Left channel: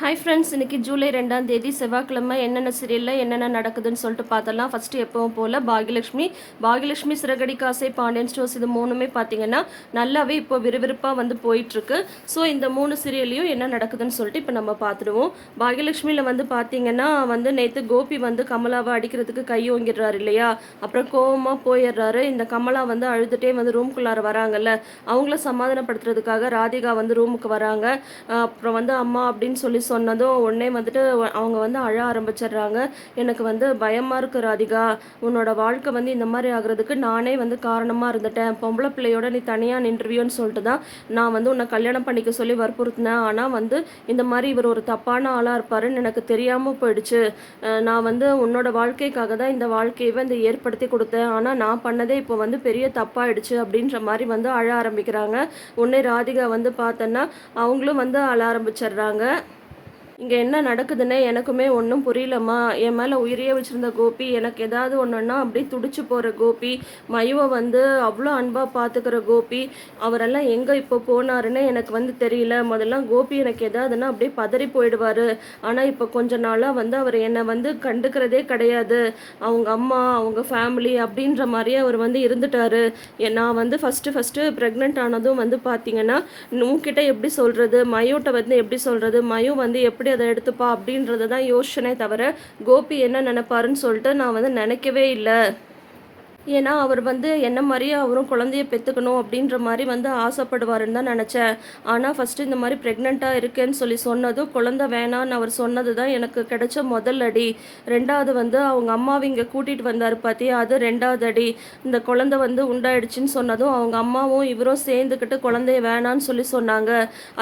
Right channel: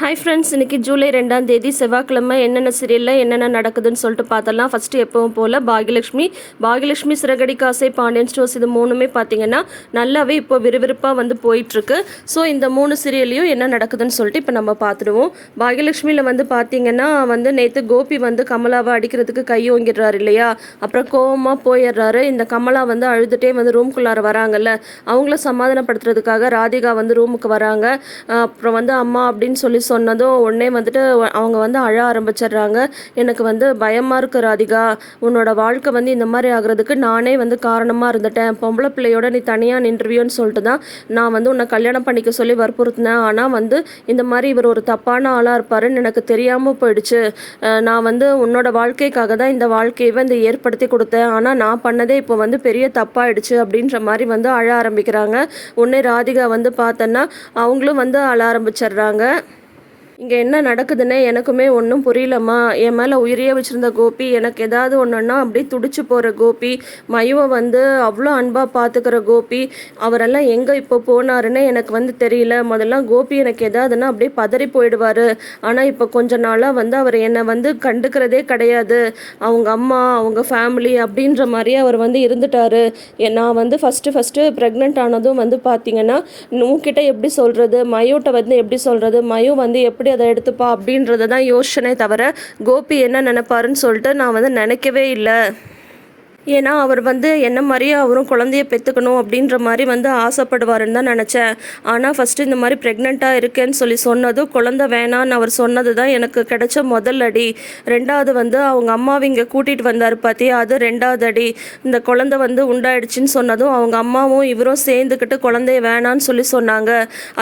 Hi friends இன்னைக்கு ஜூலை ரெண்டாம் தேதி செவ்வாய்க்கிழமை என்னென்ன சீரியலில் என்னென்ன நடக்குதுன்னு சொல்லிட்டு பார்த்தலாம். ஃபஸ்ட்டு எப்பவும் போல் பாகியலட்சுமி. பாகியலட்சுமி சிறகடி காசை பாண்டியன் ஸ்டோர்ஸ் இது மூணுமே பார்த்தீங்கன்னா நல்லாவே இப்போ விறுவிறுப்பாக வந்து போயிட்டுருக்கு. ஸோ இந்த மூணு சீரியல்லையும் என்ன நடக்குதுன்னு சொல்லிட்டு இப்போ நம்ம பார்த்துடுவோம். பாகியலட்சுமியில் வந்து பார்த்தீங்கன்னா வந்து நேற்று கோபி வந்து கமலாவை அடிக்கிறதுக்கு கையோங்கிடுறாரு இல்லையா? அப்புறம் கோவமாக போயிடுறாரு. இந்த கமலா வந்து அழுதுகிட்டே வந்து ரூம்குள்ளார வராங்கல்ல. அவங்கள சமாதானப்படுத்துறதுக்காக ராதிகா வந்து ரூமுக்கு வராங்க. அப்புறம் வந்து அம்மா அப்படின்னு சொல்லி சொன்னதும் உடனே வந்துட்டு அவங்க வந்து அழ ஆரம்பிச்சிடுறாங்க. எனக்கு வந்து பயமாக இருக்கு ராதிகா. உன்னோட வாழ்க்கை வந்து இந்த மாதிரி ஆகுறதுக்கு நானே வந்து காரணமாக இருந்துட்டேன். பொம்பளை பிள்ளையோட நீ தனியாக நின்றுவியோன்னு சொல்லிட்டு தான் நான் வந்து உன்னை கல்யாணம் பண்ணிக்க சொல்லி வற்புறுத்தினேன். ஆனால் வந்து இந்த மாதிரி இவர் ஒரு தப்பான ஆளாக இருப்பாருன்னு எனக்கு தெரியாமல் போயிடுச்சு. நான் வந்து உன்னோட வாழ்க்கைக்காக தான் இந்த வாழ்க்கையை வந்து ஏற்படுத்தி கொடுத்தேன். ஆனால் நான் பண்ணதே இப்போ வந்து பெரிய தப்பாயிடுச்சு அப்படின்ற மாதிரி வந்து அழ ஆரம்பிக்கிறாங்க. உன்னை ராதிகா வந்து பார்த்தோன்னா அவங்களும் வந்து அழ ஆரம்பிச்சிடுறாங்க. இங்கே என்ன நடக்குதுன்னே எனக்குமே ஒன்றும் புரியலம்மா. என் மேலே உயிரையே வச்சுருந்த கோபி எனக்கு ஏதாவது ஒன்றுன்னா அப்படியே துடிச்சு போகிற கோபி மயுவை வந்து அவ்வளோ அன்பாக பார்த்துக்கிற கோபி அவரெல்லாம் எங்கே இப்போ போனாருன்னு எனக்கு வந்து தெரியல. முதல்ல கோபி எனக்கு எதாவதுன்னா அப்படியே பதறி போயிடுவார். ஆனால் இப்போ கொஞ்ச நாளாக வந்து அவர் என்னை வந்து கண்டுக்கிறதே கிடையாது. அவங்க அம்மா அவங்க ஃபேமிலி அப்படின்ற மாதிரியே அவர் வந்து இருந்துட்டாரு. எ- நான் வந்து ஃபஸ்ட்டு ஃபஸ்ட்டு ப்ரெக்னென்ட் ஆனதும் வந்து பார்த்தீங்கன்னா உங்ககிட்ட எப்படி சொல்கிறது மயோட்ட வந்து எப்படி சொல்கிறது மயோ வந்து எப்படி அதை எடுத்துப்பா அப்படின்றத தான் யோசனை தவிர கோபி என்ன நினைப்பாருன்னு சொல்லிட்டு நான் வந்து நினைக்கவே இல்லை. ஏன்னா அவர் வந்து என்ன மாதிரியே அவரும் குழந்தைய பெற்றுக்கணும் அப்படின்ற மாதிரி வந்து ஆசைப்படுவாருன்னு தான் நினச்சேன். ஆனால் ஃபஸ்ட்டு இந்த மாதிரி ப்ரெக்னெண்ட்டாக இருக்கேன்னு சொல்லி சொன்னதும் குழந்தை வேணான்னு அவர் சொன்னது தான் எனக்கு கிடைச்ச முதல் அடி. ரெண்டாவது வந்து அவங்க அம்மாவை இங்கே கூட்டிகிட்டு வந்தார் பார்த்தியா அது ரெண்டாவது அடி. இந்த குழந்தை வந்து உண்டாயிடுச்சுன்னு சொன்னதும் அவங்க அம்மாவும் இவரும் சேர்ந்துக்கிட்டு குழந்தைய வேணான்னு சொல்லி சொன்னாங்க.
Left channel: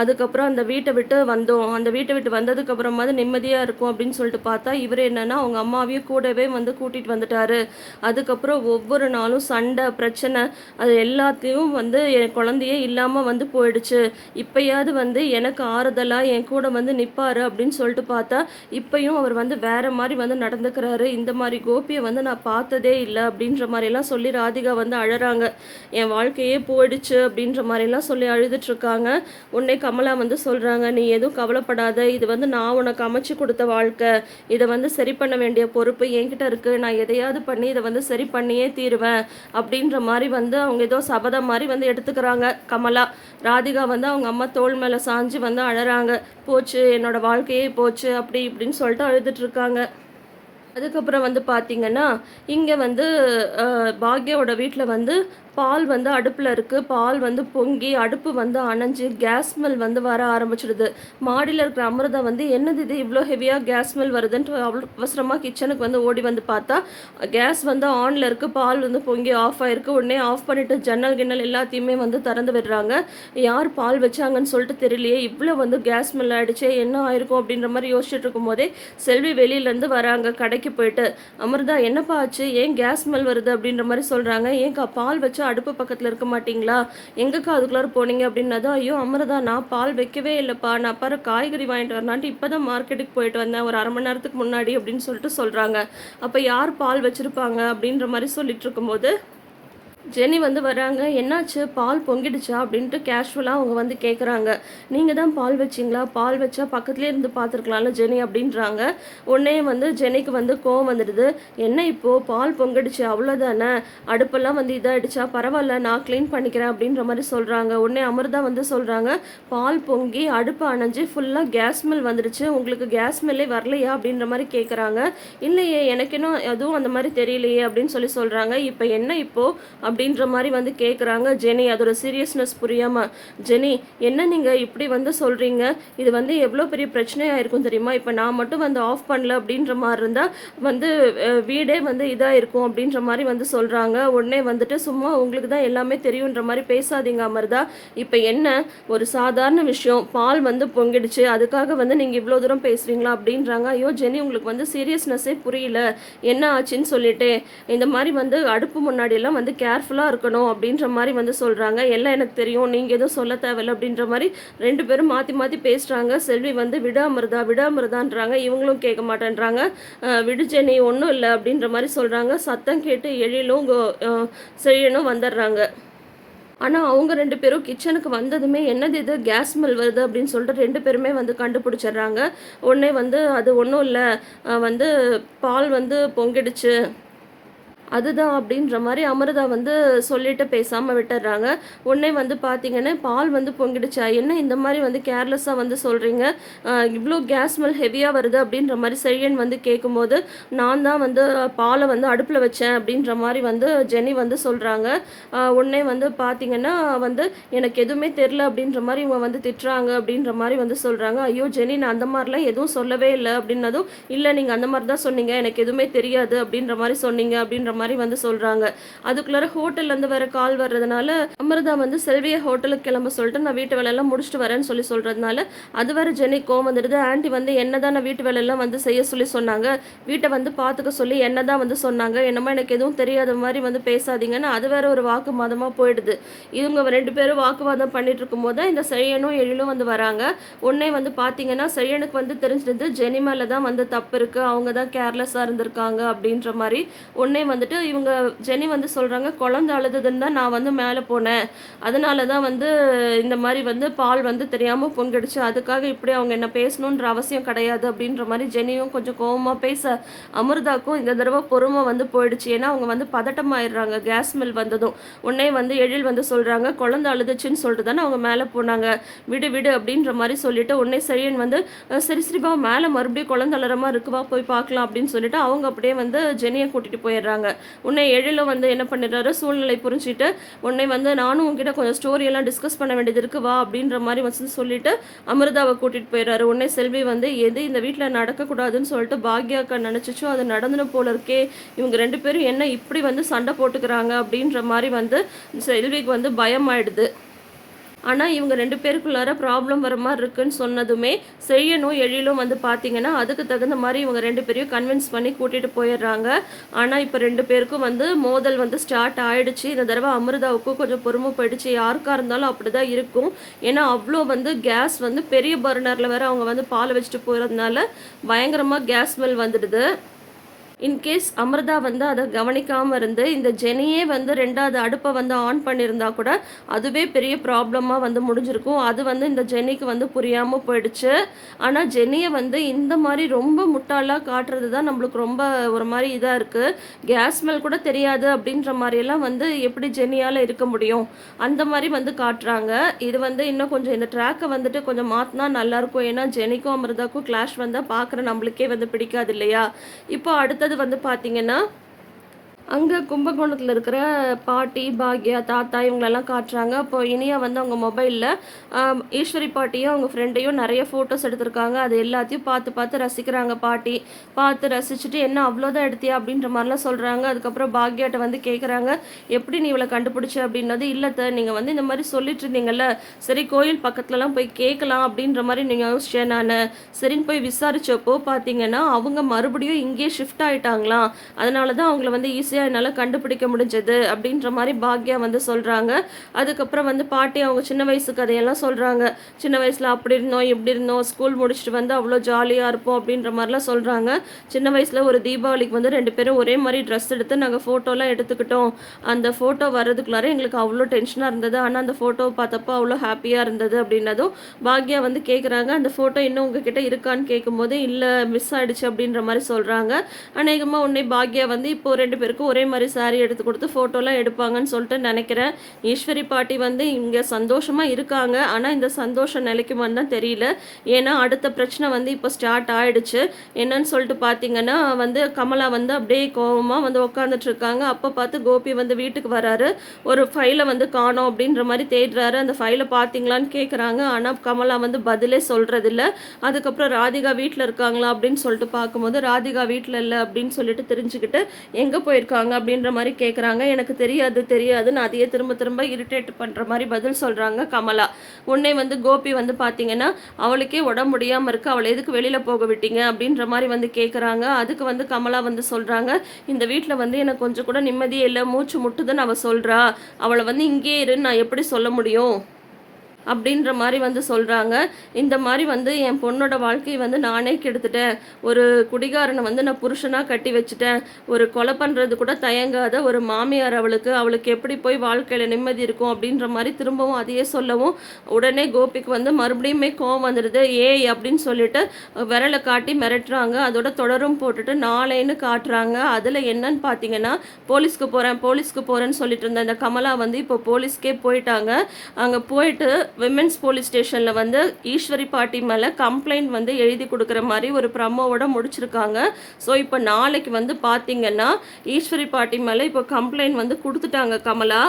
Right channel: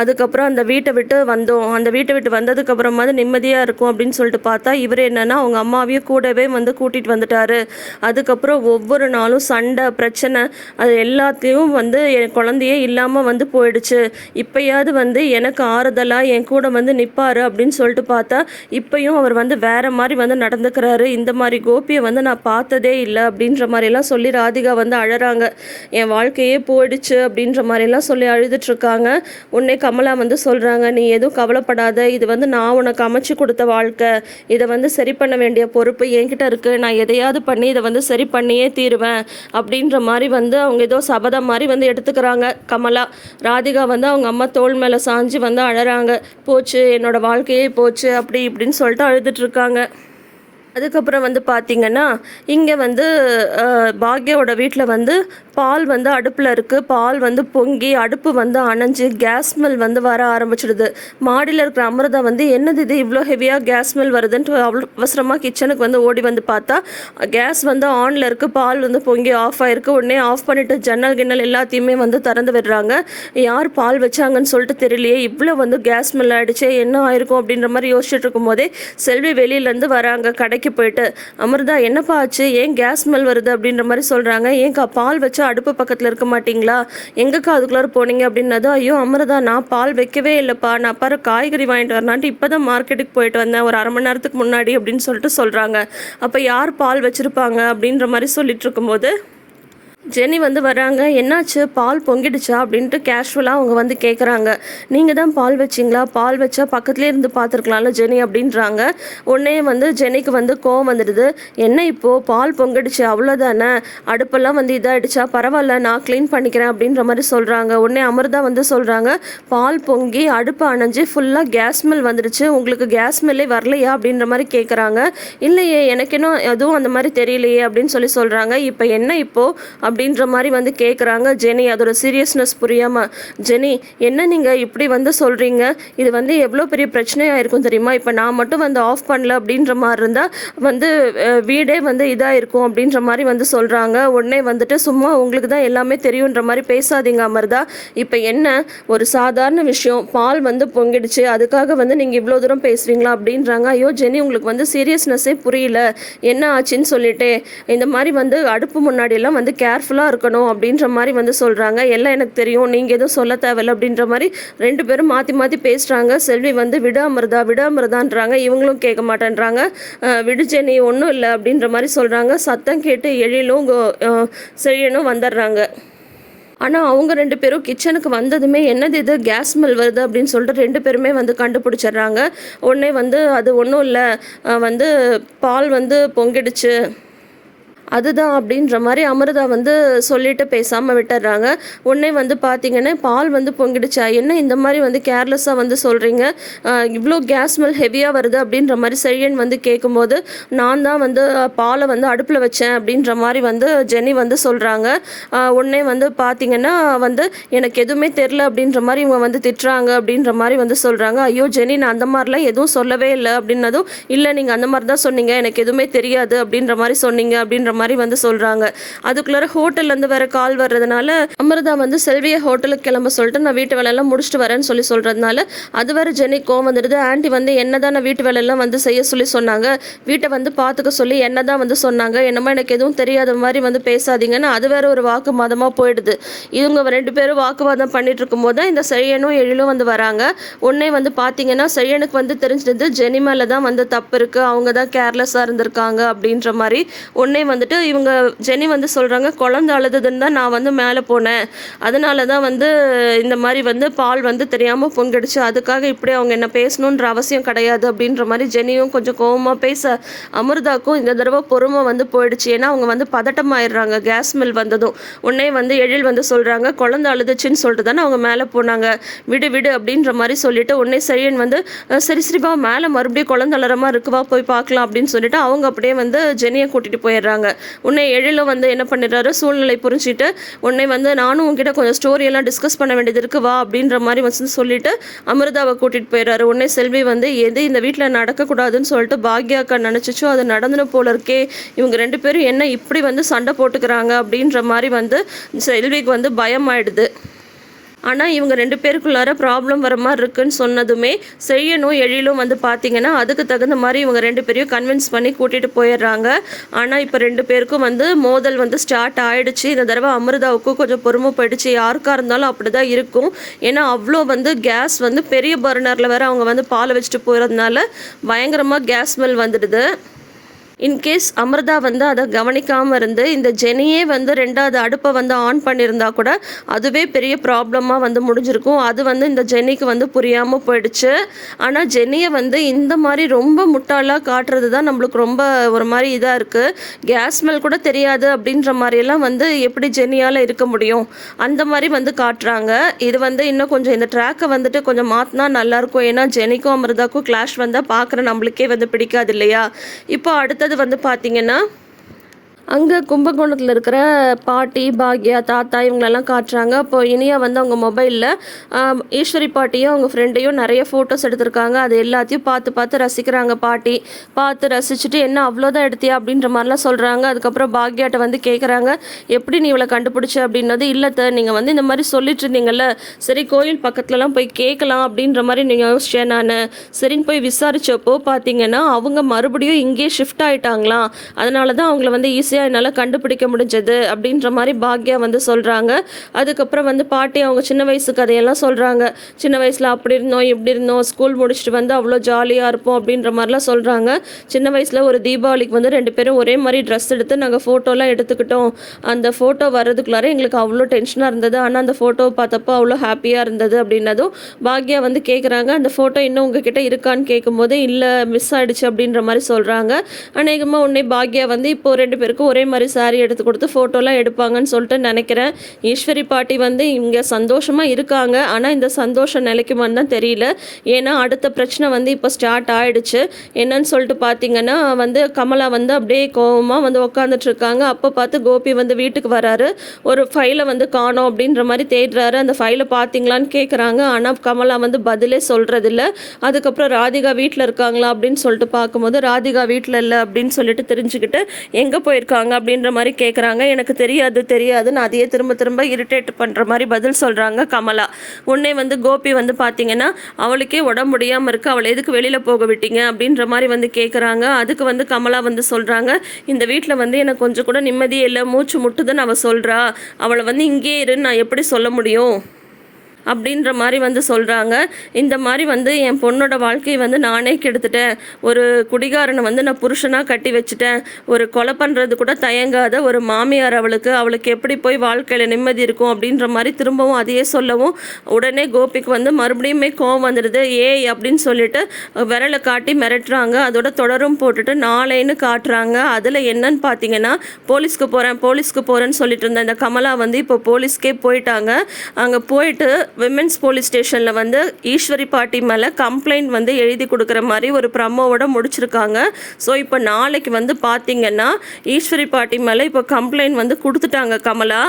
அதுக்கப்புறம் அந்த வீட்டை விட்டு வந்தோம். அந்த வீட்டை விட்டு வந்ததுக்கப்புறமாவது நிம்மதியாக இருக்கும் அப்படின்னு சொல்லிட்டு பார்த்தா இவர் என்னென்னா அவங்க அம்மாவையும் கூடவே வந்து கூட்டிகிட்டு வந்துட்டாரு. அதுக்கப்புறம் ஒவ்வொரு நாளும் சண்டை பிரச்சனை அது எல்லாத்தையும் வந்து என் குழந்தையே இல்லாமல் வந்து போயிடுச்சு. இப்பயாவது வந்து எனக்கு ஆறுதலாக என் கூட வந்து நிற்பாரு அப்படின்னு சொல்லிட்டு பார்த்தா இப்பயும் அவர் வந்து வேற மாதிரி வந்து நடந்துக்கிறாரு. இந்த மாதிரி கோபியை வந்து நான் பார்த்ததே இல்லை அப்படின்ற மாதிரிலாம் சொல்லி ராதிகா வந்து அழறாங்க. என் வாழ்க்கையே போயிடுச்சு அப்படின்ற மாதிரிலாம் சொல்லி அழுதுட்ருக்காங்க உடனே கமலா வந்து சொல்கிறாங்க நீ எதுவும் கவலைப்படாத. இது வந்து நான் உனக்கு அமைச்சு கொடுத்த வாழ்க்கை. இதை வந்து சரி பண்ண வேண்டிய பொறுப்பு என்கிட்ட இருக்குது நான் எதையாவது பண்ணி இதை வந்து சரி பண்ணியே தீருவேன் அப்படின்ற மாதிரி வந்து அவங்க ஏதோ சபதம் மாதிரி வந்து எடுத்துக்கிறாங்க. கமலா ராதிகா வந்து அவங்க அம்மா தோள் மேலே சாஞ்சு வந்து அழறாங்க. போச்சு என்னோட வாழ்க்கையே போச்சு அப்படி இப்படின்னு சொல்லிட்டு அழுதுட்ருக்காங்க அதுக்கப்புறம் வந்து பார்த்திங்கன்னா இங்கே வந்து பாக்யாவோட வீட்டில் வந்து பால் வந்து அடுப்பில் இருக்குது பால் வந்து பொங்கி அடுப்பு வந்து அணைஞ்சு கேஸ் ஸ்மெல் வந்து வர ஆரம்பிச்சிடுது. மாடியில் இருக்கிற அமிர்தா வந்து என்னது இது இவ்வளோ ஹெவியாக கேஸ் ஸ்மெல் வருதுன்ட்டு அவ்வளோ அவசரமாக கிச்சனுக்கு வந்து ஓடி வந்து பார்த்தா கேஸ் வந்து ஆனில் இருக்குது பால் வந்து பொங்கி ஆஃப் ஆயிருக்கு. உடனே ஆஃப் பண்ணிவிட்டு ஜன்னல் கிண்ணல் எல்லாத்தையுமே வந்து திறந்து விடுறாங்க. யார் பால் வச்சாங்கன்னு சொல்லிட்டு தெரியலையே. இவ்வளோ வந்து கேஸ் ஸ்மெல் ஆகிடுச்சே என்ன ஆயிருக்கும் அப்படின்ற மாதிரி யோசிச்சுட்டு இருக்கும்போதே செல்வி வெளியிலேருந்து வராங்க கடைக்கு போயிட்டு. அமிர்தா என்னப்பா ஆச்சு? ஏன் கேஸ் ஸ்மெல் வருது அப்படின்ற மாதிரி சொல்கிறாங்க ஏன்க்கா பால் வச்சா அடுப்பு பக்கத்தில் இருக்க மாட்டீங்களா? எங்கக்கா அதுக்குள்ளார போனீங்க அப்படின்னதும் ஐயோ அமிர்தா நான் பால் வைக்கவே இல்லைப்பா. நான் பாரு காய்கறி வாங்கிட்டு வரலான்ட்டு இப்போ தான் மார்க்கெட்டுக்கு போயிட்டு வந்தேன். ஒரு அரை மணி நேரத்துக்கு முன்னாடி அப்படின்னு சொல்லிட்டு சொல்கிறாங்க அப்போ யார் பால் வச்சுருப்பாங்க அப்படின்ற மாதிரி சொல்லிட்டு இருக்கும்போது ஜெனி வந்து வராங்க. என்னாச்சு? பால் பொங்கிடுச்சா? அப்படின்ட்டு கேஷுவலாக அவங்க வந்து கேட்குறாங்க நீங்கள் தான் பால் வச்சிங்களா? பால் வச்சா பக்கத்துலேயே இருந்து பார்த்துருக்கலாம்ல ஜெனி அப்படின்றாங்க. உடனே வந்து ஜெனிக்கு வந்து கோவம் வந்துடுது. என்ன இப்போது பால் பொங்கிடுச்சு. அவ்வளோதானே அடுப்பெல்லாம் வந்து இதாகிடுச்சா பரவாயில்ல நான் க்ளீன் பண்ணிக்கிறேன் அப்படின்ற மாதிரி சொல்கிறாங்க உடனே அமிர்தா வந்து சொல்கிறாங்க பால் பொங்கி அடுப்பு அணைஞ்சு ஃபுல்லாக கேஸ் ஸ்மெல் வந்துடுச்சு. உங்களுக்கு கேஸ் ஸ்மெல்லே வரலையா? அப்படின்ற மாதிரி கேட்குறாங்க இல்லையே எனக்கு இன்னும் எதுவும் அந்த மாதிரி தெரியலையே அப்படின்னு சொல்லி சொல்கிறாங்க இப்போ என்ன இப்போது அப்படின்ற மாதிரி வந்து கேட்குறாங்க ஜெனி அதோட சீரியஸ்னஸ் புரியாமல் ஜெனி என்ன நீங்கள் இப்படி வந்து சொல்கிறீங்க இது வந்து எவ்வளோ பெரிய பிரச்சனையாக இருக்கும் தெரியுமா? இப்போ நான் மட்டும் வந்து ஆஃப் பண்ணல அப்படின்ற மாதிரி இருந்தால் வந்து வீடே வந்து இதாக இருக்கும் அப்படின்ற மாதிரி வந்து சொல்கிறாங்க உடனே வந்துட்டு சும்மா உங்களுக்கு தான் எல்லாமே தெரியுன்ற மாதிரி பேசாதீங்க அமர்தா. இப்போ என்ன ஒரு சாதாரண விஷயம். பால் வந்து பொங்கிடுச்சு. அதுக்காக வந்து நீங்கள் இவ்வளோ தூரம் பேசுகிறீங்களா அப்படின்றாங்க. ஐயோ ஜெனி உங்களுக்கு வந்து சீரியஸ்னஸ்ஸே புரியல. என்ன ஆச்சுன்னு சொல்லிட்டு. இந்த மாதிரி வந்து அடுப்பு முன்னாடியெல்லாம் வந்து கேர் கேர்ஃபுல்லாக இருக்கணும் அப்படின்ற மாதிரி வந்து சொல்கிறாங்க எல்லாம் எனக்கு தெரியும். நீங்கள் எதுவும் சொல்ல தேவையில்ல அப்படின்ற மாதிரி ரெண்டு பேரும் மாற்றி மாற்றி பேசுகிறாங்க செல்வி வந்து விடாமிருதா விடாமிருதான்றாங்க இவங்களும் கேட்க மாட்டேன்றாங்க. விடுச்சே நீ ஒன்றும் இல்லை அப்படின்ற மாதிரி சொல்கிறாங்க சத்தம் கேட்டு எழிலும் கோ- செழியனும் வந்துடுறாங்க. ஆனால் அவங்க ரெண்டு பேரும் கிச்சனுக்கு வந்ததுமே என்னது இது? கேஸ் ஸ்மெல் வருது அப்படின்னு சொல்லிட்டு ரெண்டு பேருமே வந்து கண்டுபிடிச்சிடுறாங்க. உடனே வந்து அது ஒன்றும் இல்லை. வந்து பால் வந்து பொங்கிடுச்சு. அதுதான் அப்படின்ற மாதிரி அமிர்தா வந்து சொல்லிட்டு பேசாமல் விட்டுடுறாங்க உடனே வந்து பார்த்தீங்கன்னா பால் வந்து பொங்கிடுச்சா? என்ன இந்த மாதிரி வந்து கேர்லெஸ்ஸாக வந்து சொல்கிறீங்க இவ்வளோ கேஸ் ஸ்மெல் ஹெவியாக வருது அப்படின்ற மாதிரி செழியன் வந்து கேட்கும்போது நான் தான் வந்து பாலை வந்து அடுப்பில் வச்சேன் அப்படின்ற மாதிரி வந்து ஜெனி வந்து சொல்கிறாங்க உடனே வந்து பார்த்தீங்கன்னா வந்து எனக்கு எதுவுமே தெரில அப்படின்ற மாதிரி இவங்க வந்து திட்டுறாங்க அப்படின்ற மாதிரி வந்து சொல்கிறாங்க ஐயோ ஜெனி நான் அந்த மாதிரிலாம் எதுவும் சொல்லவே இல்லை அப்படின்னதும் இல்லை நீங்கள் அந்த மாதிரி தான் சொன்னீங்க. எனக்கு எதுவுமே தெரியாது அப்படின்ற மாதிரி சொன்னீங்க அப்படின்ற மாதிரி வந்து சொல்கிறாங்க அதுக்குள்ளார ஹோட்டல்லேருந்து வேற கால் வர்றதுனால அமிர்தா வந்து செல்வியை ஹோட்டலுக்கு கிளம்ப சொல்லிட்டு நான் வீட்டு வேலையெல்லாம் முடிச்சுட்டு வரேன்னு சொல்லி சொல்கிறதுனால அது வேற ஜெனி கோவம் வந்துடுது. ஆண்டி வந்து என்னதான் நான் வீட்டு வேலையெல்லாம் வந்து செய்ய சொல்லி சொன்னாங்க. வீட்டை வந்து பார்த்துக்க சொல்லி என்னதான் வந்து சொன்னாங்க. என்னமோ எனக்கு எதுவும் தெரியாத மாதிரி வந்து பேசாதீங்கன்னு அது வேற ஒரு வாக்குமதமாக போயிடுது. இவங்க ரெண்டு பேரும் வாக்குவாதம் பண்ணிட்டு இருக்கும்போது இந்த செழியனும் எழிலும் வந்து வராங்க. உடனே வந்து பார்த்தீங்கன்னா செழியனுக்கு வந்து தெரிஞ்சது ஜெனி மேலே தான் வந்து தப்பு இருக்குது அவங்க தான் கேர்லெஸ்ஸாக இருந்திருக்காங்க அப்படின்ற மாதிரி உடனே வந்துட்டு இவங்க ஜெனி வந்து சொல்கிறாங்க குழந்த அழுதுதுன்னு தான் நான் வந்து மேலே போனேன். அதனால தான் வந்து இந்த மாதிரி வந்து பால் வந்து தெரியாமல் பொங்கிடுச்சு அதுக்காக இப்படி அவங்க என்ன பேசணுன்ற அவசியம் கிடையாது. அப்படின்ற மாதிரி ஜெனியும் கொஞ்சம் கோபமாக பேச அமிர்தாக்கும் இந்த தடவை பொறுமை வந்து போயிடுச்சு. ஏன்னா அவங்க வந்து பதட்டம் ஆயிடுறாங்க கேஸ் மில் வந்ததும் உடனே வந்து எழில் வந்து சொல்கிறாங்க குழந்த அழுதுச்சுன்னு சொல்லிட்டு தானே அவங்க மேலே போனாங்க. விடு விடு அப்படின்ற மாதிரி சொல்லிட்டு உடனே சரியன் வந்து சரி சரிப்பா மேலே மறுபடியும் குழந்த அலறமா இருக்குவா போய் பார்க்கலாம் அப்படின்னு சொல்லிட்டு அவங்க அப்படியே வந்து ஜெனியை கூட்டிகிட்டு போயிடுறாங்க. உன்னை எழில வந்து என்ன பண்ணிடுறாரு? சூழ்நிலை புரிஞ்சுட்டு உன்னை வந்து நானும் உங்ககிட்ட கொஞ்சம் ஸ்டோரியெல்லாம் டிஸ்கஸ் பண்ண வேண்டியது இருக்கு வா அப்படின்ற மாதிரி வந்து சொல்லிட்டு அமிர்தாவை கூட்டிகிட்டு போயிடுறாரு. உன்னை செல்வி வந்து எது இந்த வீட்டில் நடக்கக்கூடாதுன்னு சொல்லிட்டு பாக்யாக்கா நினச்சிச்சோ அது நடந்துன போல இருக்கே. இவங்க ரெண்டு பேரும் என்ன இப்படி வந்து சண்டை போட்டுக்கிறாங்க? அப்படின்ற மாதிரி வந்து செல்விக்கு வந்து பயம் ஆயிடுது ஆனால் இவங்க ரெண்டு பேருக்குள்ளார ப்ராப்ளம் வர மாதிரி இருக்குன்னு சொன்னதுமே செய்யணும் எழிலும் வந்து பார்த்தீங்கன்னா அதுக்கு தகுந்த மாதிரி இவங்க ரெண்டு பேரையும் கன்வின்ஸ் பண்ணி கூட்டிகிட்டு போயிடுறாங்க. ஆனால் இப்போ ரெண்டு பேருக்கும் வந்து மோதல் வந்து ஸ்டார்ட் ஆயிடுச்சு. இந்த தடவை அமிர்தாவுக்கும் கொஞ்சம் பொறுமை போயிடுச்சு. யாருக்காக இருந்தாலும் அப்படி தான் இருக்கும். ஏன்னா அவ்வளோ வந்து கேஸ் வந்து பெரிய பர்னரில் வேறு அவங்க வந்து பாலை வச்சுட்டு போகிறதுனால பயங்கரமாக கேஸ் ஸ்மெல் வந்துடுது. இன்கேஸ் அமிர்தா வந்து அதை கவனிக்காமல் இருந்து இந்த ஜெனியே வந்து ரெண்டாவது அடுப்பை வந்து ஆன் பண்ணியிருந்தா கூட அதுவே பெரிய ப்ராப்ளமாக வந்து முடிஞ்சிருக்கும். அது வந்து இந்த ஜெனிக்கு வந்து புரியாமல் போயிடுச்சு. ஆனால் ஜெனியை வந்து இந்த மாதிரி ரொம்ப முட்டாளாக காட்டுறது தான் நம்மளுக்கு ரொம்ப ஒரு மாதிரி இதாக இருக்குது கேஸ் ஸ்மெல் கூட தெரியாது அப்படின்ற மாதிரியெல்லாம் வந்து எப்படி ஜெனியால் இருக்க முடியும்? அந்த மாதிரி வந்து காட்டுறாங்க. இது வந்து இன்னும் கொஞ்சம் இந்த ட்ராக்கை வந்துட்டு கொஞ்சம் மாற்றினா நல்லாயிருக்கும் ஏன்னா ஜெனிக்கும் அமிர்தாக்கும் கிளாஷ் வந்தால் பார்க்குற நம்மளுக்கே வந்து பிடிக்காது இல்லையா? இப்போ அடுத்த அடுத்தது வந்து பார்த்தீங்கன்னா அங்கே கும்பகோணத்தில் இருக்கிற பாட்டி பாக்யா தாத்தா இவங்களெல்லாம் காட்டுறாங்க. அப்போ இனியா வந்து அவங்க மொபைலில் ஈஸ்வரி பாட்டியும் அவங்க ஃப்ரெண்டையும் நிறைய ஃபோட்டோஸ் எடுத்திருக்காங்க. அது எல்லாத்தையும் பார்த்து பார்த்து ரசிக்கிறாங்க பாட்டி. பார்த்து ரசிச்சுட்டு என்ன அவ்வளோதான் எடுத்தியா? அப்படின்ற மாதிரிலாம் சொல்கிறாங்க அதுக்கப்புறம் பாக்யாட்ட வந்து கேட்குறாங்க எப்படி நீ இவளை கண்டுபிடிச்ச? அப்படின்னது சார் நீங்கள் வந்து இந்த மாதிரி சொல்லிட்டு இருந்தீங்கல்ல சரி கோயில் பக்கத்துலலாம் போய் கேட்கலாம் அப்படின்ற மாதிரி நீங்கள் யோசிச்சேன் நான். சரின்னு போய் விசாரித்தப்போ பார்த்தீங்கன்னா அவங்க மறுபடியும் இங்கேயே ஷிஃப்ட் ஆகிட்டாங்களாம் அதனால தான் அவங்கள வந்து ஈஸியாக ஈஸியாக என்னால் கண்டுபிடிக்க முடிஞ்சது அப்படின்ற மாதிரி பாக்யா வந்து சொல்கிறாங்க அதுக்கப்புறம் வந்து பாட்டி அவங்க சின்ன வயசு கதையெல்லாம் சொல்கிறாங்க சின்ன வயசில் அப்படி இருந்தோம் இப்படி இருந்தோம் ஸ்கூல் முடிச்சுட்டு வந்து அவ்வளோ ஜாலியாக இருப்போம் அப்படின்ற மாதிரிலாம் சொல்கிறாங்க சின்ன வயசில் ஒரு தீபாவளிக்கு வந்து ரெண்டு பேரும் ஒரே மாதிரி ட்ரெஸ் எடுத்து நாங்கள் ஃபோட்டோலாம் எடுத்துக்கிட்டோம். அந்த ஃபோட்டோ வர்றதுக்குள்ளார எங்களுக்கு அவ்வளோ டென்ஷனாக இருந்தது. ஆனால் அந்த ஃபோட்டோ பார்த்தப்போ அவ்வளோ ஹாப்பியாக இருந்தது அப்படின்னதும் பாக்யா வந்து கேட்குறாங்க அந்த ஃபோட்டோ இன்னும் உங்ககிட்ட இருக்கான்னு கேட்கும்போது இல்லை மிஸ் ஆகிடுச்சு அப்படின்ற மாதிரி சொல்கிறாங்க அநேகமாக உடனே பாக்யா வந்து இப்போ ரெண்டு பேருக்கும் ஒரே மாதிரி சாரி எடுத்து கொடுத்து ஃபோட்டோலாம் எடுப்பாங்கன்னு சொல்லிட்டு நினைக்கிறேன். ஈஸ்வரி பாட்டி வந்து இங்கே சந்தோஷமாக இருக்காங்க. ஆனால் இந்த சந்தோஷம் நிலைக்குமான்னு தான் தெரியல. ஏன்னா அடுத்த பிரச்சனை வந்து இப்போ ஸ்டார்ட் ஆகிடுச்சு என்னன்னு சொல்லிட்டு பார்த்தீங்கன்னா வந்து கமலா வந்து அப்படியே கோபமாக வந்து உட்காந்துட்டு இருக்காங்க. அப்போ பார்த்து கோபி வந்து வீட்டுக்கு வராரு. ஒரு ஃபைலை வந்து காணோம் அப்படின்ற மாதிரி தேடுறாரு. அந்த ஃபைலை பார்த்தீங்களான்னு கேட்குறாங்க ஆனால் கமலா வந்து பதிலே சொல்கிறதில்ல அதுக்கப்புறம் ராதிகா வீட்டில் இருக்காங்களா அப்படின்னு சொல்லிட்டு பார்க்கும்போது ராதிகா வீட்டில் இல்லை அப்படின்னு சொல்லிட்டு தெரிஞ்சுக்கிட்டு எங்கே போயிருக்காங்க? இருக்காங்க அப்படின்ற மாதிரி கேட்குறாங்க எனக்கு தெரியாது தெரியாது. நான் அதையே திரும்ப திரும்ப இரிட்டேட் பண்ணுற மாதிரி பதில் சொல்கிறாங்க கமலா. உன்னே வந்து கோபி வந்து பார்த்தீங்கன்னா அவளுக்கே உடம்பு முடியாமல் இருக்குது அவளை எதுக்கு வெளியில் போக விட்டீங்க அப்படின்ற மாதிரி வந்து கேட்குறாங்க அதுக்கு வந்து கமலா வந்து சொல்கிறாங்க இந்த வீட்டில் வந்து எனக்கு கொஞ்சம் கூட நிம்மதியே இல்லை. மூச்சு முட்டுதுன்னு அவள் சொல்கிறா அவளை வந்து இங்கே இருன்னு நான் எப்படி சொல்ல முடியும்? அப்படின்ற மாதிரி வந்து சொல்கிறாங்க இந்த மாதிரி வந்து என் பொண்ணோட வாழ்க்கையை வந்து நானே கெடுத்துட்டேன். ஒரு குடிகாரனை வந்து நான் புருஷனாக கட்டி வச்சுட்டேன். ஒரு கொலை பண்ணுறது கூட தயங்காத ஒரு மாமியார் அவளுக்கு. அவளுக்கு எப்படி போய் வாழ்க்கையில் நிம்மதி இருக்கும் அப்படின்ற மாதிரி திரும்பவும் அதையே சொல்லவும் உடனே கோபிக்கு வந்து மறுபடியுமே கோவம் வந்துடுது. ஏய் அப்படின்னு சொல்லிட்டு விரலை காட்டி மிரட்டுறாங்க. அதோட தொடரும் போட்டுட்டு நாளைன்னு காட்டுறாங்க. அதில் என்னன்னு பார்த்தீங்கன்னா போலீஸ்க்கு போகிறேன் போலீஸ்க்கு போகிறேன்னு சொல்லிட்டு இருந்த இந்த கமலா வந்து இப்போ போலீஸ்க்கே போயிட்டாங்க. அங்கே போயிட்டு விமென்ஸ் போலீஸ் ஸ்டேஷனில் வந்து ஈஸ்வரி பாட்டி மேலே கம்ப்ளைண்ட் வந்து எழுதி கொடுக்குற மாதிரி ஒரு ப்ரமோவோட முடிச்சிருக்காங்க. ஸோ இப்போ நாளைக்கு வந்து பார்த்தீங்கன்னா ஈஸ்வரி பாட்டி மேலே இப்போ கம்ப்ளைண்ட் வந்து கொடுத்துட்டாங்க கமலா.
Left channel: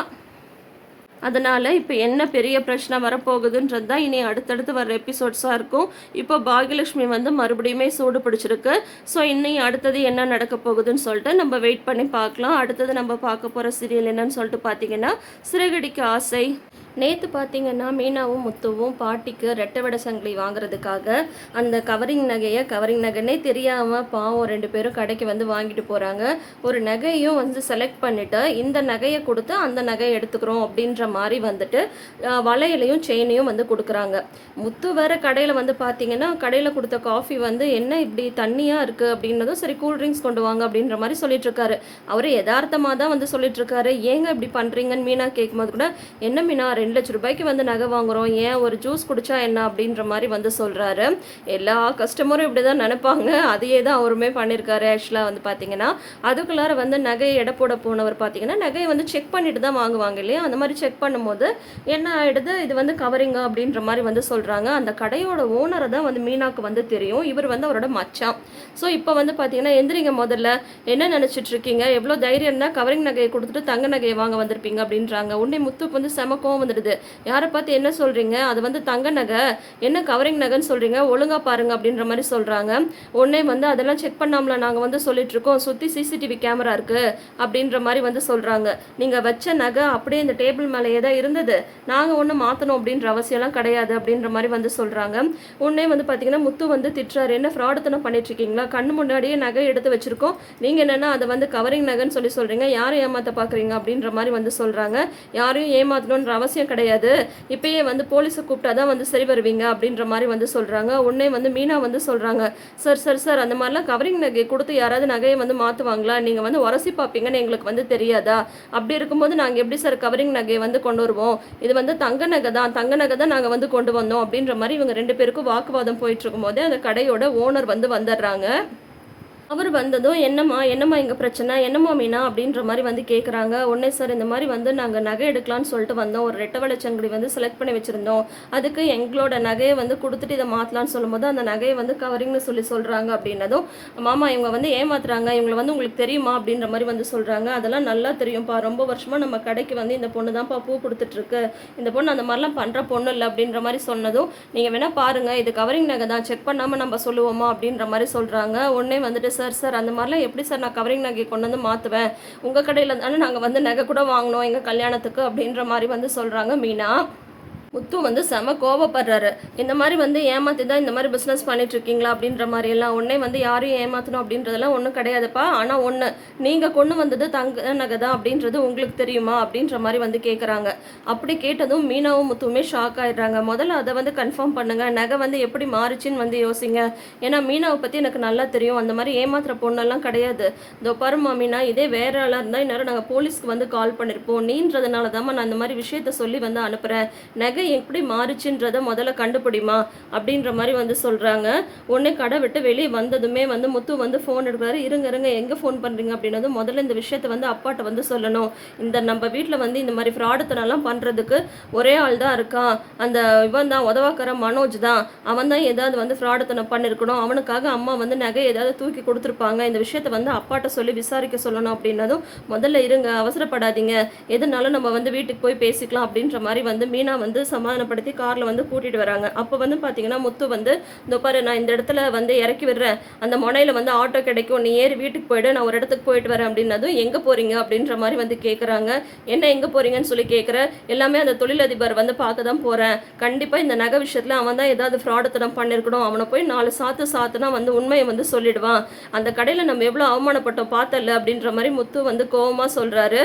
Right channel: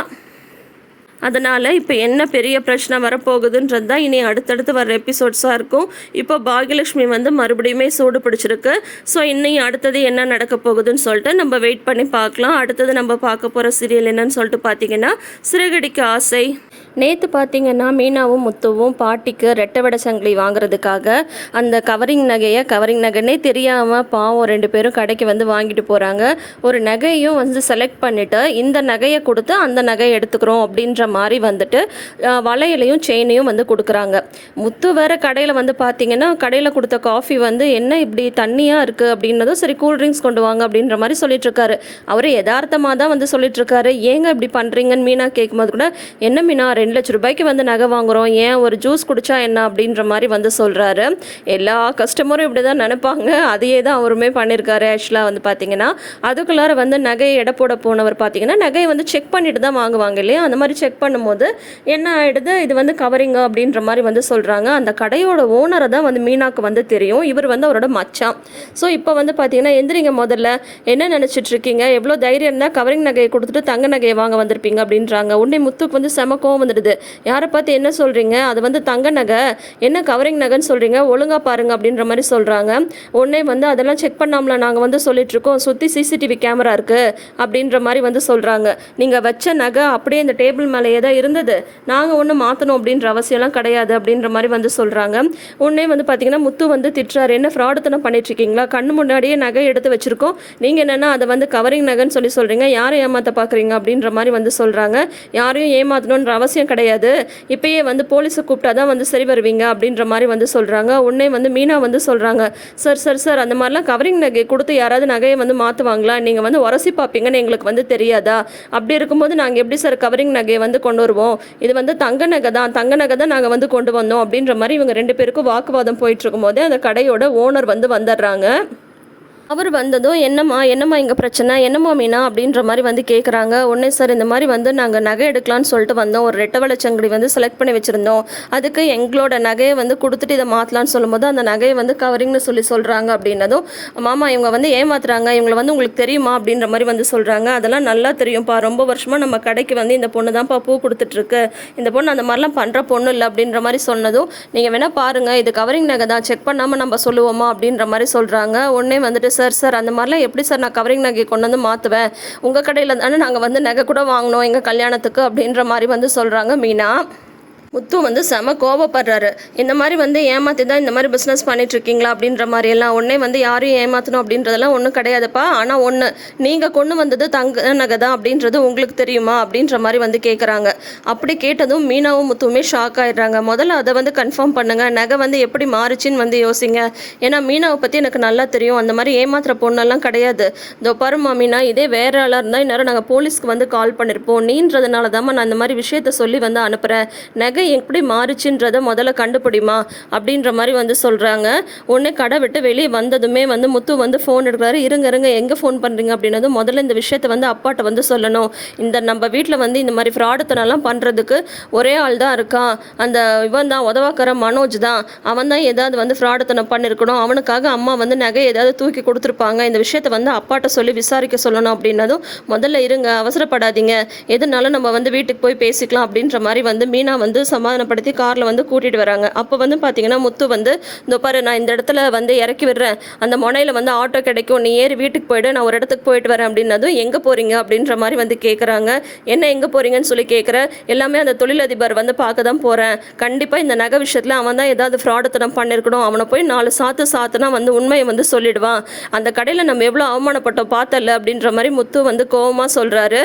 அதனால் இப்போ என்ன பெரிய பிரச்சனை வரப்போகுதுன்றது தான் இனி அடுத்தடுத்து வர எபிசோட்ஸாக இருக்கும். இப்போ பாகியலட்சுமி வந்து மறுபடியுமே சூடு பிடிச்சிருக்கு. ஸோ இன்னும் அடுத்தது என்ன நடக்க போகுதுன்னு சொல்லிட்டு நம்ம வெயிட் பண்ணி பார்க்கலாம். அடுத்தது நம்ம பார்க்க போகிற சீரியல் என்னன்னு சொல்லிட்டு பார்த்தீங்கன்னா சிறகடிக்க ஆசை. நேற்று பார்த்தீங்கன்னா மீனாவும் முத்துவும் பாட்டிக்கு ரெட்டை வடை சங்கிலி வாங்குறதுக்காக அந்த கவரிங் நகையை கவரிங் நகைன்னே தெரியாமல் பாவம் ரெண்டு பேரும் கடைக்கு வந்து வாங்கிட்டு போகிறாங்க ஒரு நகையும் வந்து செலக்ட் பண்ணிவிட்டு இந்த நகையை கொடுத்து அந்த நகையை எடுத்துக்கிறோம் அப்படின்ற மாதிரி வந்துட்டு வளையலையும் செயினையும் வந்து கொடுக்குறாங்க. முத்து வேறு கடையில் வந்து பார்த்தீங்கன்னா கடையில் கொடுத்த காஃபி வந்து என்ன இப்படி தண்ணியாக இருக்குது அப்படின்னதும் சரி கூல் ட்ரிங்க்ஸ் கொண்டு வாங்க அப்படின்ற மாதிரி சொல்லிட்டுருக்காரு. அவர் யதார்த்தமாக தான் வந்து சொல்லிட்டுருக்காரு. ஏங்க இப்படி பண்ணுறீங்கன்னு மீனா கேட்கும்போது கூட என்ன மீனா ரெண்டு லட்ச ரூபாய்க்கு வந்து நகை வாங்குறோம். ஏன் ஒரு ஜூஸ் குடித்தா என்ன அப்படின்ற மாதிரி வந்து சொல்கிறாரு எல்லா கஸ்டமரும் இப்படி தான் நினைப்பாங்க. அதையே தான் அவருமே பண்ணியிருக்காரு ஆக்சுவலாக வந்து பார்த்தீங்கன்னா அதுக்குள்ளார வந்து நகை எடை போட போனவர் பார்த்தீங்கன்னா நகையை வந்து செக் பண்ணிட்டு தான் வாங்குவாங்க இல்லையா? அந்த மாதிரி செக் பண்ணும்போது என்ன ஆயிடுது? இது வந்து கவரிங்க அப்படின்ற மாதிரி வந்து சொல்கிறாங்க அந்த கடையோட ஓனரை தான் வந்து மீனாக்கு வந்து தெரியும். இவர் வந்து அவரோட மச்சான். ஸோ இப்போ வந்து பார்த்தீங்கன்னா எந்திரிங்க முதல்ல. என்ன நினச்சிட்டு இருக்கீங்க? எவ்வளோ தைரியம் இருந்தால் கவரிங் நகையை கொடுத்துட்டு தங்க நகையை வாங்க வந்திருப்பீங்க அப்படின்றாங்க. உடனே முத்துக்கு வந்து செம வந்துடுது. யாரை பார்த்து என்ன சொல்கிறீங்க அது வந்து தங்க நகை. என்ன கவரிங் நகைன்னு சொல்கிறீங்க ஒழுங்காக பாருங்கள் அப்படின்ற மாதிரி சொல்கிறாங்க உடனே வந்து அதெல்லாம் செக் பண்ணாமல நாங்கள் வந்து சொல்லிட்டு இருக்கோம். சுற்றி சிசிடிவி கேமரா இருக்குது அப்படின்ற மாதிரி வந்து சொல்கிறாங்க நீங்கள் வச்ச நகை அப்படியே இந்த டேபிள் மேலேயே தான் இருந்தது. நாங்கள் ஒன்றும் மாற்றணும் அப்படின்ற அவசியம்லாம் கிடையாது அப்படின்ற மாதிரி வந்து சொல்கிறாங்க உடனே வந்து பார்த்தீங்கன்னா முத்து வந்து திட்டுறாரு. என்ன ஃப்ராடுத்தனம் பண்ணிட்டுருக்கீங்களா கண்ணு முன்னாடியே நகை எடுத்து வச்சுருக்கோம். நீங்கள் என்னென்னா அதை வந்து கவரிங் நகைன்னு சொல்லி சொல்கிறீங்க யாரை ஏமாற்ற பார்க்குறீங்க அப்படின்ற மாதிரி வந்து சொல்கிறாங்க யாரையும் ஏமாற்றணுன்ற அவசியம் கிடையாது. இப்பயே வந்து போலீஸை கூப்பிட்டா தான் வந்து சரி வருவீங்க அப்படின்ற மாதிரி வந்து சொல்கிறாங்க உடனே வந்து மீனா வந்து சொல்கிறாங்க சார் சார் சார் அந்த மாதிரிலாம் கவரிங் நகை கொடுத்து யாராவது நகையை வந்து மாற்றுவாங்களா நீங்கள் வந்து உரசி பார்ப்பீங்கன்னு எங்களுக்கு வந்து தெரியாதா? அப்படி இருக்கும்போது நாங்கள் எப்படி சார் கவரிங் நகையை வந்து கொண்டு வருவோம்? இது வந்து தங்க நகை தான். தங்க நகை தான் நாங்கள் வந்து கொண்டு வந்தோம். அப்படின்ற மாதிரி இவங்க ரெண்டு பேருக்கும் வாக்குவாதம் போயிட்டு இருக்கும்போதே அந்த கடையோட ஓனர் வந்து வந்துடுறாங்க. அவர் வந்ததும் என்னம்மா என்னம்மா இங்கே பிரச்சனை? என்னம்மா மீனா? அப்படின்ற மாதிரி வந்து கேட்குறாங்க உடனே சார் இந்த மாதிரி வந்து நாங்கள் நகை எடுக்கலாம்னு சொல்லிட்டு வந்தோம். ஒரு ரெட்டை வளச்சங்கடி வந்து செலக்ட் பண்ணி வச்சுருந்தோம். அதுக்கு எங்களோட நகையை வந்து கொடுத்துட்டு இதை மாற்றலான்னு சொல்லும்போது அந்த நகையை வந்து கவரிங்னு சொல்லி சொல்கிறாங்க அப்படின்னதும் மாமா இவங்க வந்து ஏமாத்துறாங்க. இவங்களை வந்து உங்களுக்கு தெரியுமா? அப்படின்ற மாதிரி வந்து சொல்கிறாங்க அதெல்லாம் நல்லா தெரியும்ப்பா. ரொம்ப வருஷமாக நம்ம கடைக்கு வந்து இந்த பொண்ணு தான்ப்பா பூ கொடுத்துட்ருக்கு. இந்த பொண்ணு அந்த மாதிரிலாம் பண்ணுற பொண்ணு இல்லை. அப்படின்ற மாதிரி சொன்னதும் நீங்கள் வேணால் பாருங்கள் இது கவரிங் நகை தான். செக் பண்ணாமல் நம்ம சொல்லுவோமா? அப்படின்ற மாதிரி சொல்கிறாங்க உடனே வந்துட்டு சார் சார் அந்த மாதிரிலாம் எப்படி சார் நான் கவரிங் நகை கொண்டு வந்து மாற்றுவேன் உங்கள் கடையில் தானே நாங்கள் வந்து நகை கூட வாங்கினோம் எங்கள் கல்யாணத்துக்கு அப்படின்ற மாதிரி வந்து சொல்கிறாங்க மீனா. முத்து வந்து செம கோபப்படுறாரு இந்த மாதிரி வந்து ஏமாத்தி தான் இந்த மாதிரி பிஸ்னஸ் பண்ணிட்டு இருக்கீங்களா அப்படின்ற மாதிரி எல்லாம் உடனே வந்து யாரையும் ஏமாற்றணும் அப்படின்றதெல்லாம் ஒன்றும் கிடையாதுப்பா. ஆனால் ஒன்று நீங்கள் கொண்டு வந்தது தங்க நகை தான் அப்படின்றது உங்களுக்கு தெரியுமா அப்படின்ற மாதிரி வந்து கேட்குறாங்க அப்படி கேட்டதும் மீனாவும் முத்துவுமே ஷாக் ஆயிடுறாங்க. முதல்ல அதை வந்து கன்ஃபார்ம் பண்ணுங்க. நகை வந்து எப்படி மாறுச்சுன்னு வந்து யோசிங்க. ஏன்னா மீனாவை பற்றி எனக்கு நல்லா தெரியும். அந்த மாதிரி ஏமாத்துற பொண்ணெல்லாம் கிடையாது. இதோ பருமா மீனா இதே வேற ஆளாக இருந்தால் இந்நேரம் நாங்கள் போலீஸ்க்கு வந்து கால் பண்ணியிருப்போம் நீன்றதுனால தான் நான் இந்த மாதிரி விஷயத்த சொல்லி வந்து அனுப்புகிறேன் நகை எப்படி மாறுச்சுன்றதை முதல்ல கண்டுபிடிமா அப்படின்ற மாதிரி வந்து சொல்கிறாங்க உடனே கடை விட்டு வெளியே வந்ததுமே வந்து முத்து வந்து ஃபோன் எடுக்கிறாரு. இருங்க இருங்க எங்கே ஃபோன் பண்ணுறீங்க அப்படின்னதும் முதல்ல இந்த விஷயத்தை வந்து அப்பாட்ட வந்து சொல்லணும். இந்த நம்ம வீட்டில் வந்து இந்த மாதிரி ஃப்ராடுத்தனெல்லாம் பண்ணுறதுக்கு ஒரே ஆள் தான் இருக்கான் அந்த இவன் தான் உதவாக்கிற மனோஜ் தான். அவன் தான் ஏதாவது வந்து ஃப்ராடுத்தனம் பண்ணியிருக்கணும் அவனுக்காக அம்மா வந்து நகை ஏதாவது தூக்கி கொடுத்துருப்பாங்க. இந்த விஷயத்தை வந்து அப்பாட்ட சொல்லி விசாரிக்க சொல்லணும் அப்படின்னதும் முதல்ல இருங்க அவசரப்படாதீங்க. எதுனாலும் நம்ம வந்து வீட்டுக்கு போய் பேசிக்கலாம் அப்படின்ற மாதிரி வந்து மீனா வந்து சமாதானப்படுத்தி காரில் வந்து கூட்டிகிட்டு வராங்க. அப்போ வந்து பார்த்தீங்கன்னா முத்து வந்து இந்த பாரு நான் இந்த இடத்துல வந்து இறக்கி விடுறேன். அந்த முனையில் வந்து ஆட்டோ கிடைக்கும். நீ ஏறி வீட்டுக்கு போயிடு. நான் ஒரு இடத்துக்கு போயிட்டு வரேன். அப்படின்னதும் எங்கே போகிறீங்க அப்படின்ற மாதிரி வந்து கேட்குறாங்க என்ன எங்கே போகிறீங்கன்னு சொல்லி கேட்குற எல்லாமே அந்த தொழிலதிபர் வந்து பார்க்க தான் போகிறேன் கண்டிப்பாக இந்த நகை விஷயத்தில் அவன் தான் ஏதாவது ஃப்ராடத்தனம் பண்ணியிருக்கணும் அவனை போய் நாலு சாத்து சாத்துனா வந்து உண்மையை வந்து சொல்லிடுவான். அந்த கடையில் நம்ம எவ்வளோ அவமானப்பட்டோம் பார்த்தல அப்படின்ற மாதிரி முத்து வந்து கோவமாக சொல்கிறாரு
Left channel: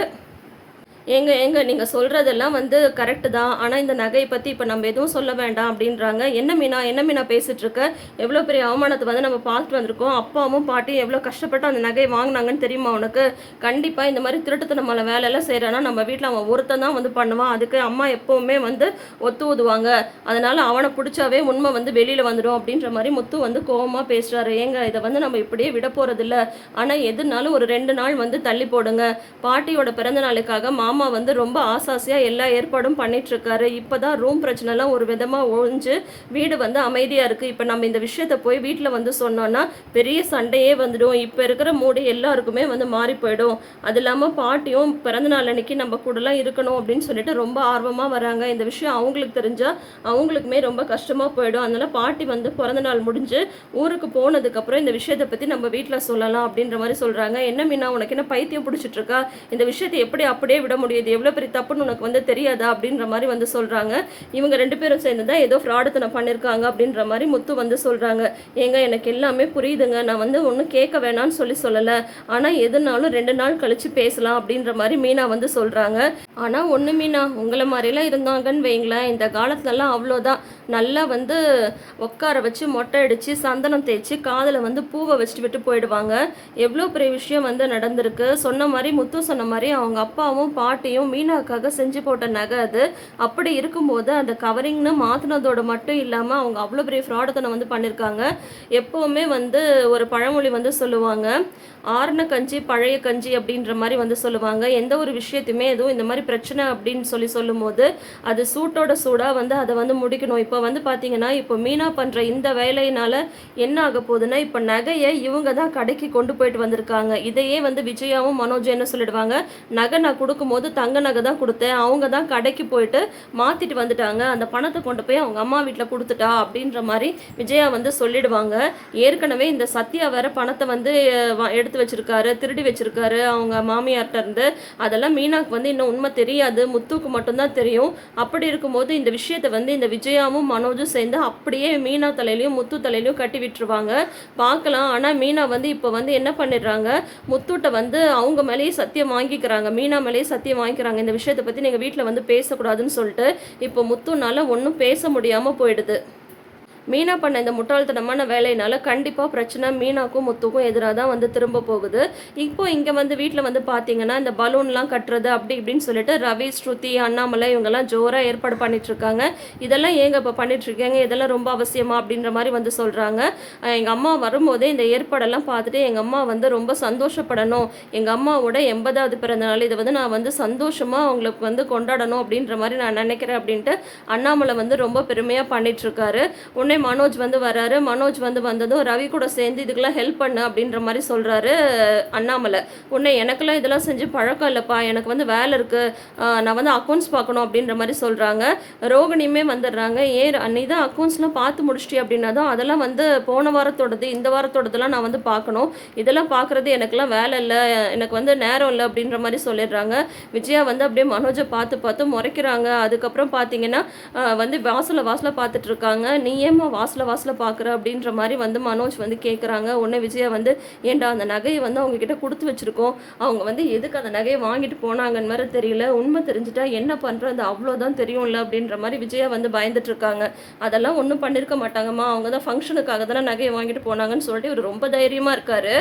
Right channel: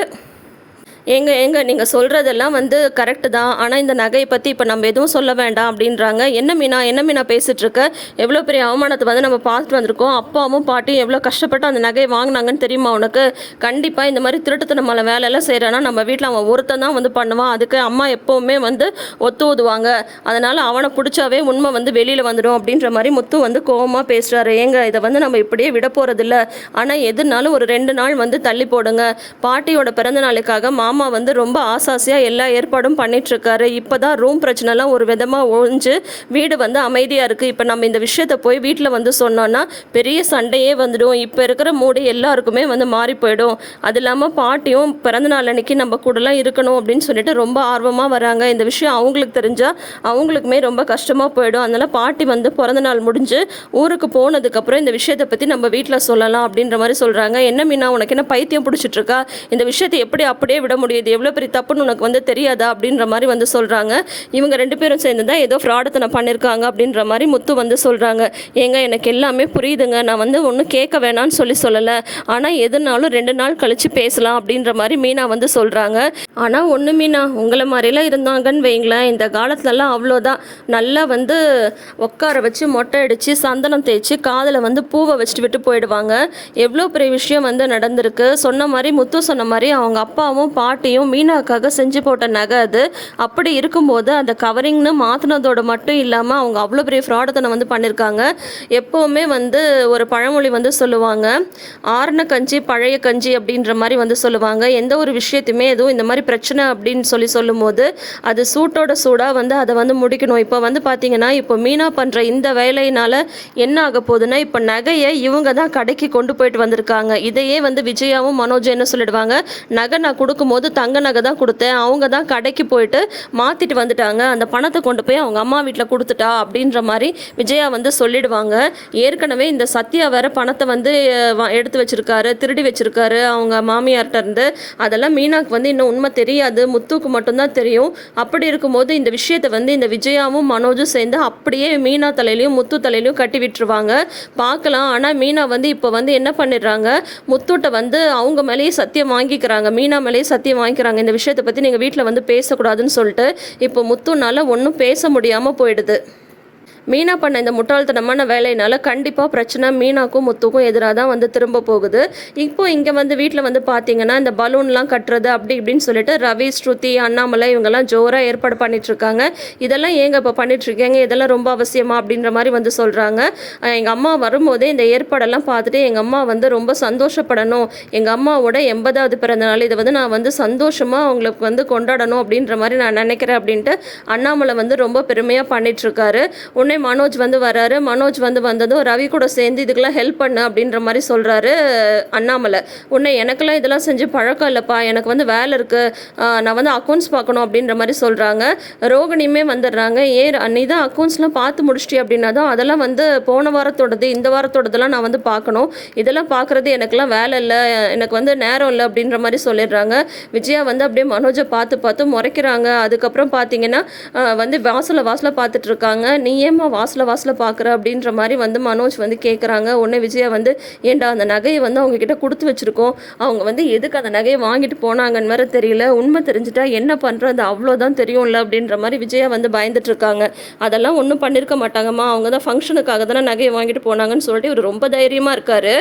எங்க ஏங்க நீங்கள் சொல்கிறதெல்லாம் வந்து கரெக்டு தான். ஆனால் இந்த நகையை பற்றி இப்போ நம்ம எதுவும் சொல்ல வேண்டாம் அப்படின்றாங்க. என்ன மீனா என்ன மீனா பேசிகிட்டு இருக்க எவ்வளோ பெரிய அவமானத்தை வந்து நம்ம பார்த்துட்டு வந்திருக்கோம். அப்பாவும் பாட்டியும் எவ்வளோ கஷ்டப்பட்டு அந்த நகையை வாங்கினாங்கன்னு தெரியுமா உனக்கு? கண்டிப்பாக இந்த மாதிரி திருட்டுத்தனமான வேலையெல்லாம் செய்கிறானா நம்ம வீட்டில் அவன் ஒருத்தன் தான் வந்து பண்ணுவான். அதுக்கு அம்மா எப்போவுமே வந்து ஒத்து ஊதுவாங்க அதனால் அவனை பிடிச்சாவே உண்மை வந்து வெளியில் வந்துடும் அப்படின்ற மாதிரி முத்து வந்து கோவமாக பேசுகிறாரு ஏங்க இதை வந்து நம்ம இப்படியே விட போகிறதில்ல ஆனால் எதுனாலும் ஒரு ரெண்டு நாள் வந்து தள்ளி போடுங்க. பாட்டியோட பிறந்த நாளுக்காக மாமா வந்து ரொம்ப ஆசாசியாக எல்லா ஏற்பாடும் பண்ணிகிட்ருக்காரு இப்போ தான் ரூம் பிரச்சனைலாம் ஒரு விதமாக ஒழிஞ்சு வீடு வந்து அமைதியாக இருக்குது இப்போ நம்ம இந்த விஷயத்தை போய் வீட்டில் வந்து சொன்னோன்னா பெரிய சண்டையே வந்துடும். இப்போ இருக்கிற மூடு எல்லாருக்குமே வந்து மாறி போயிடும். அது இல்லாமல் பாட்டியும் பிறந்தநாள் அன்னைக்கு நம்ம கூடலாம் இருக்கணும் அப்படின்னு சொல்லிட்டு ரொம்ப ஆர்வமாக வராங்க. இந்த விஷயம் அவங்களுக்கு தெரிஞ்சால் அவங்களுக்குமே ரொம்ப கஷ்டமாக போயிடும். அதனால் பாட்டி வந்து பிறந்தநாள் முடிஞ்சு ஊருக்கு போனதுக்கப்புறம் இந்த விஷயத்தை பற்றி நம்ம வீட்டில் சொல்லலாம் அப்படின்ற மாதிரி சொல்கிறாங்க என்ன மீனா உனக்கு என்ன பைத்தியம் பிடிச்சிட்டு இருக்கா? இந்த விஷயத்தை எப்படி அப்படியே விட முடியுது. எவ்வளோ பெரிய தப்புன்னு உனக்கு வந்து தெரியாதா? அப்படின்ற மாதிரி வந்து சொல்கிறாங்க இவங்க ரெண்டு பேரும் சேர்ந்து தான் ஏதோ ஃப்ராடத்தனை பண்ணியிருக்காங்க அப்படின்ற மாதிரி முத்து வந்து சொல்கிறாங்க ஏங்க எனக்கு எல்லாமே புரியுதுங்க. நான் வந்து ஒன்றும் கேட்க வேணாம்னு சொல்லி சொல்லலை. ஆனால் எதுனாலும் ரெண்டு நாள் கழித்து பேசலாம் அப்படின்ற மாதிரி மீனா வந்து சொல்கிறாங்க ஆனால் ஒன்று மீனா உங்களை மாதிரிலாம் இருந்தாங்கன்னு வைங்களேன். இந்த காலத்துலலாம் அவ்வளோதான். நல்லா வந்து உட்கார வச்சு மொட்டை அடித்து சந்தனம் தேய்ச்சி காதில் வந்து பூவை வச்சுட்டு விட்டு போயிடுவாங்க. எவ்வளோ பெரிய விஷயம் வந்து நடந்திருக்கு. சொன்ன மாதிரி முத்து சொன்ன மாதிரி அவங்க அப்பாவும் பாட்டியும் மீனாக்காக செஞ்சு போட்ட நகை அது. அப்படி இருக்கும்போது அந்த கவரிங்னு மாற்றினதோட மட்டும் இல்லாமல் அவங்க அவ்வளோ பெரிய ஃப்ராடத்தனை வந்து பண்ணியிருக்காங்க எப்போவுமே வந்து ஒரு பழமொழி வந்து சொல்லுவாங்க. ஆறுன கஞ்சி பழைய கஞ்சி அப்படின்ற மாதிரி வந்து சொல்லுவாங்க. எந்த ஒரு விஷயத்தையுமே எதுவும் இந்த மாதிரி பிரச்சனை அப்படின்னு சொல்லி சொல்லும்போது அது சூட்டோட சூடாக வந்து அதை வந்து முடிக்கணும். இப்போ வந்து பார்த்தீங்கன்னா இப்போ மீனா பண்ணுற இந்த வேலையினால என்ன ஆக போகுதுன்னா இப்போ நகையை இவங்க தான் கடைக்கு கொண்டு போயிட்டு வந்திருக்காங்க. இதையே வந்து விஜயாவும் மனோஜ் என்ன சொல்லிடுவாங்க? நகை நான் கொடுக்கும்போது தங்க நகை தான் கொடுத்தேன். அவங்க தான் கடைக்கு போயிட்டு மாற்றிட்டு வந்துட்டாங்க. அந்த பணத்தை கொண்டு போய் அவங்க அம்மா வீட்டில் கொடுத்துட்டா அப்படின்ற மாதிரி விஜயா வந்து சொல்லிடுவாங்க. ஏற்கனவே இந்த சத்யா வேற பணத்தை வந்து எடுத்து வச்சிருக்காரு திருடி வச்சிருக்காரு. அவங்க மாமியார்கிட்ட இருந்து அதெல்லாம் மீனாக்கு வந்து இன்னும் உண்மை தெரியாது. முத்துக்கு மட்டும்தான் தெரியும். அப்படி இருக்கும்போது இந்த விஷயத்தை வந்து இந்த விஜயாவும் மனோஜும் சேர்ந்து அப்படியே மீனா தலையிலையும் முத்து தலையிலையும் கட்டி விட்டுருவாங்க. பார்க்கலாம். ஆனால் மீனா வந்து இப்போ வந்து என்ன பண்ணிடுறாங்க? முத்துட்ட வந்து அவங்க மேலேயே சத்தியம் வாங்கிக்கிறாங்க. மீனா மேலேயே சத்தியம் வாங்கிக்கிறாங்க. இந்த விஷயத்தை பற்றி நீங்கள் வீட்டில் வந்து பேசக்கூடாதுன்னு சொல்லிட்டு இப்போ முத்துனால ஒன்றும் பேச முடியாமல் போயிடுது. மீனா பண்ண இந்த முட்டாள்தனமான வேலையினால கண்டிப்பாக பிரச்சனை மீனாக்கும் முத்துக்கும் எதிராக தான் வந்து திரும்ப போகுது. இப்போ இங்கே வந்து வீட்டில் வந்து பார்த்தீங்கன்னா இந்த பலூன்லாம் கட்டுறது அப்படி இப்படின்னு சொல்லிட்டு ரவி ஸ்ருதி அண்ணாமலை இவங்கெல்லாம் ஜோராக ஏற்பாடு பண்ணிட்டுருக்காங்க. இதெல்லாம் ஏங்க இப்போ பண்ணிட்டுருக்கீங்க? இதெல்லாம் ரொம்ப அவசியமா அப்படின்ற மாதிரி வந்து சொல்கிறாங்க எங்கள் அம்மா வரும்போதே இந்த ஏற்பாடெல்லாம் பார்த்துட்டு எங்கள் அம்மா வந்து ரொம்ப சந்தோஷப்படணும். எங்கள் அம்மாவோட எண்பதாவது பிறந்த நாள் இதை வந்து நான் வந்து சந்தோஷமாக அவங்களுக்கு வந்து கொண்டாடணும் அப்படின்ற மாதிரி நான் நினைக்கிறேன் அப்படின்ட்டு அண்ணாமலை வந்து ரொம்ப பெருமையாக பண்ணிட்டுருக்காரு. ஒன்று உடனே மனோஜ் வந்து வராரு. மனோஜ் வந்து வந்ததும் ரவி கூட சேர்ந்து இதுக்கெல்லாம் ஹெல்ப் பண்ணு அப்படின்ற மாதிரி சொல்கிறாரு அண்ணாமலை. உன்னை எனக்கெல்லாம் இதெல்லாம் செஞ்சு பழக்கம் இல்லைப்பா. எனக்கு வந்து வேலை இருக்குது நான் வந்து அக்கௌண்ட்ஸ் பார்க்கணும் அப்படின்ற மாதிரி சொல்கிறாங்க ரோகிணியுமே வந்துடுறாங்க. ஏ அன்னை தான் அக்கௌண்ட்ஸ்லாம் பார்த்து முடிச்சிட்டி அப்படின்னா தான் அதெல்லாம் வந்து போன வாரத்தோடது இந்த வாரத்தோடதெல்லாம் நான் வந்து பார்க்கணும். இதெல்லாம் பார்க்குறது எனக்கெல்லாம் வேலை இல்லை. எனக்கு வந்து நேரம் இல்லை அப்படின்ற மாதிரி சொல்லிடுறாங்க. விஜயா வந்து அப்படியே மனோஜை பார்த்து பார்த்து முறைக்கிறாங்க. அதுக்கப்புறம் பார்த்தீங்கன்னா வந்து வாசலை வாசலை பார்த்துட்ருக்காங்க நீ நீ ஏம்மா வாசலை வாசல பார்க்குற அப்படின்ற மாதிரி வந்து மனோஜ் வந்து கேட்குறாங்க உடனே விஜயா வந்து ஏன்டா அந்த நகையை வந்து அவங்க கிட்ட கொடுத்து வச்சுருக்கோம். அவங்க வந்து எதுக்கு அந்த நகையை வாங்கிட்டு போனாங்கன்னு வேற தெரியல. உண்மை தெரிஞ்சுட்டா என்ன பண்ணுறோம் அது அவ்வளோதான் தெரியும்ல அப்படின்ற மாதிரி விஜயா வந்து பயந்துட்டுருக்காங்க அதெல்லாம் ஒன்றும் பண்ணியிருக்க மாட்டாங்கம்மா. அவங்க தான் ஃபங்க்ஷனுக்காக தானே நகையை வாங்கிட்டு போனாங்கன்னு சொல்லிட்டு இவர் ரொம்ப தைரியமாக இருக்காரு.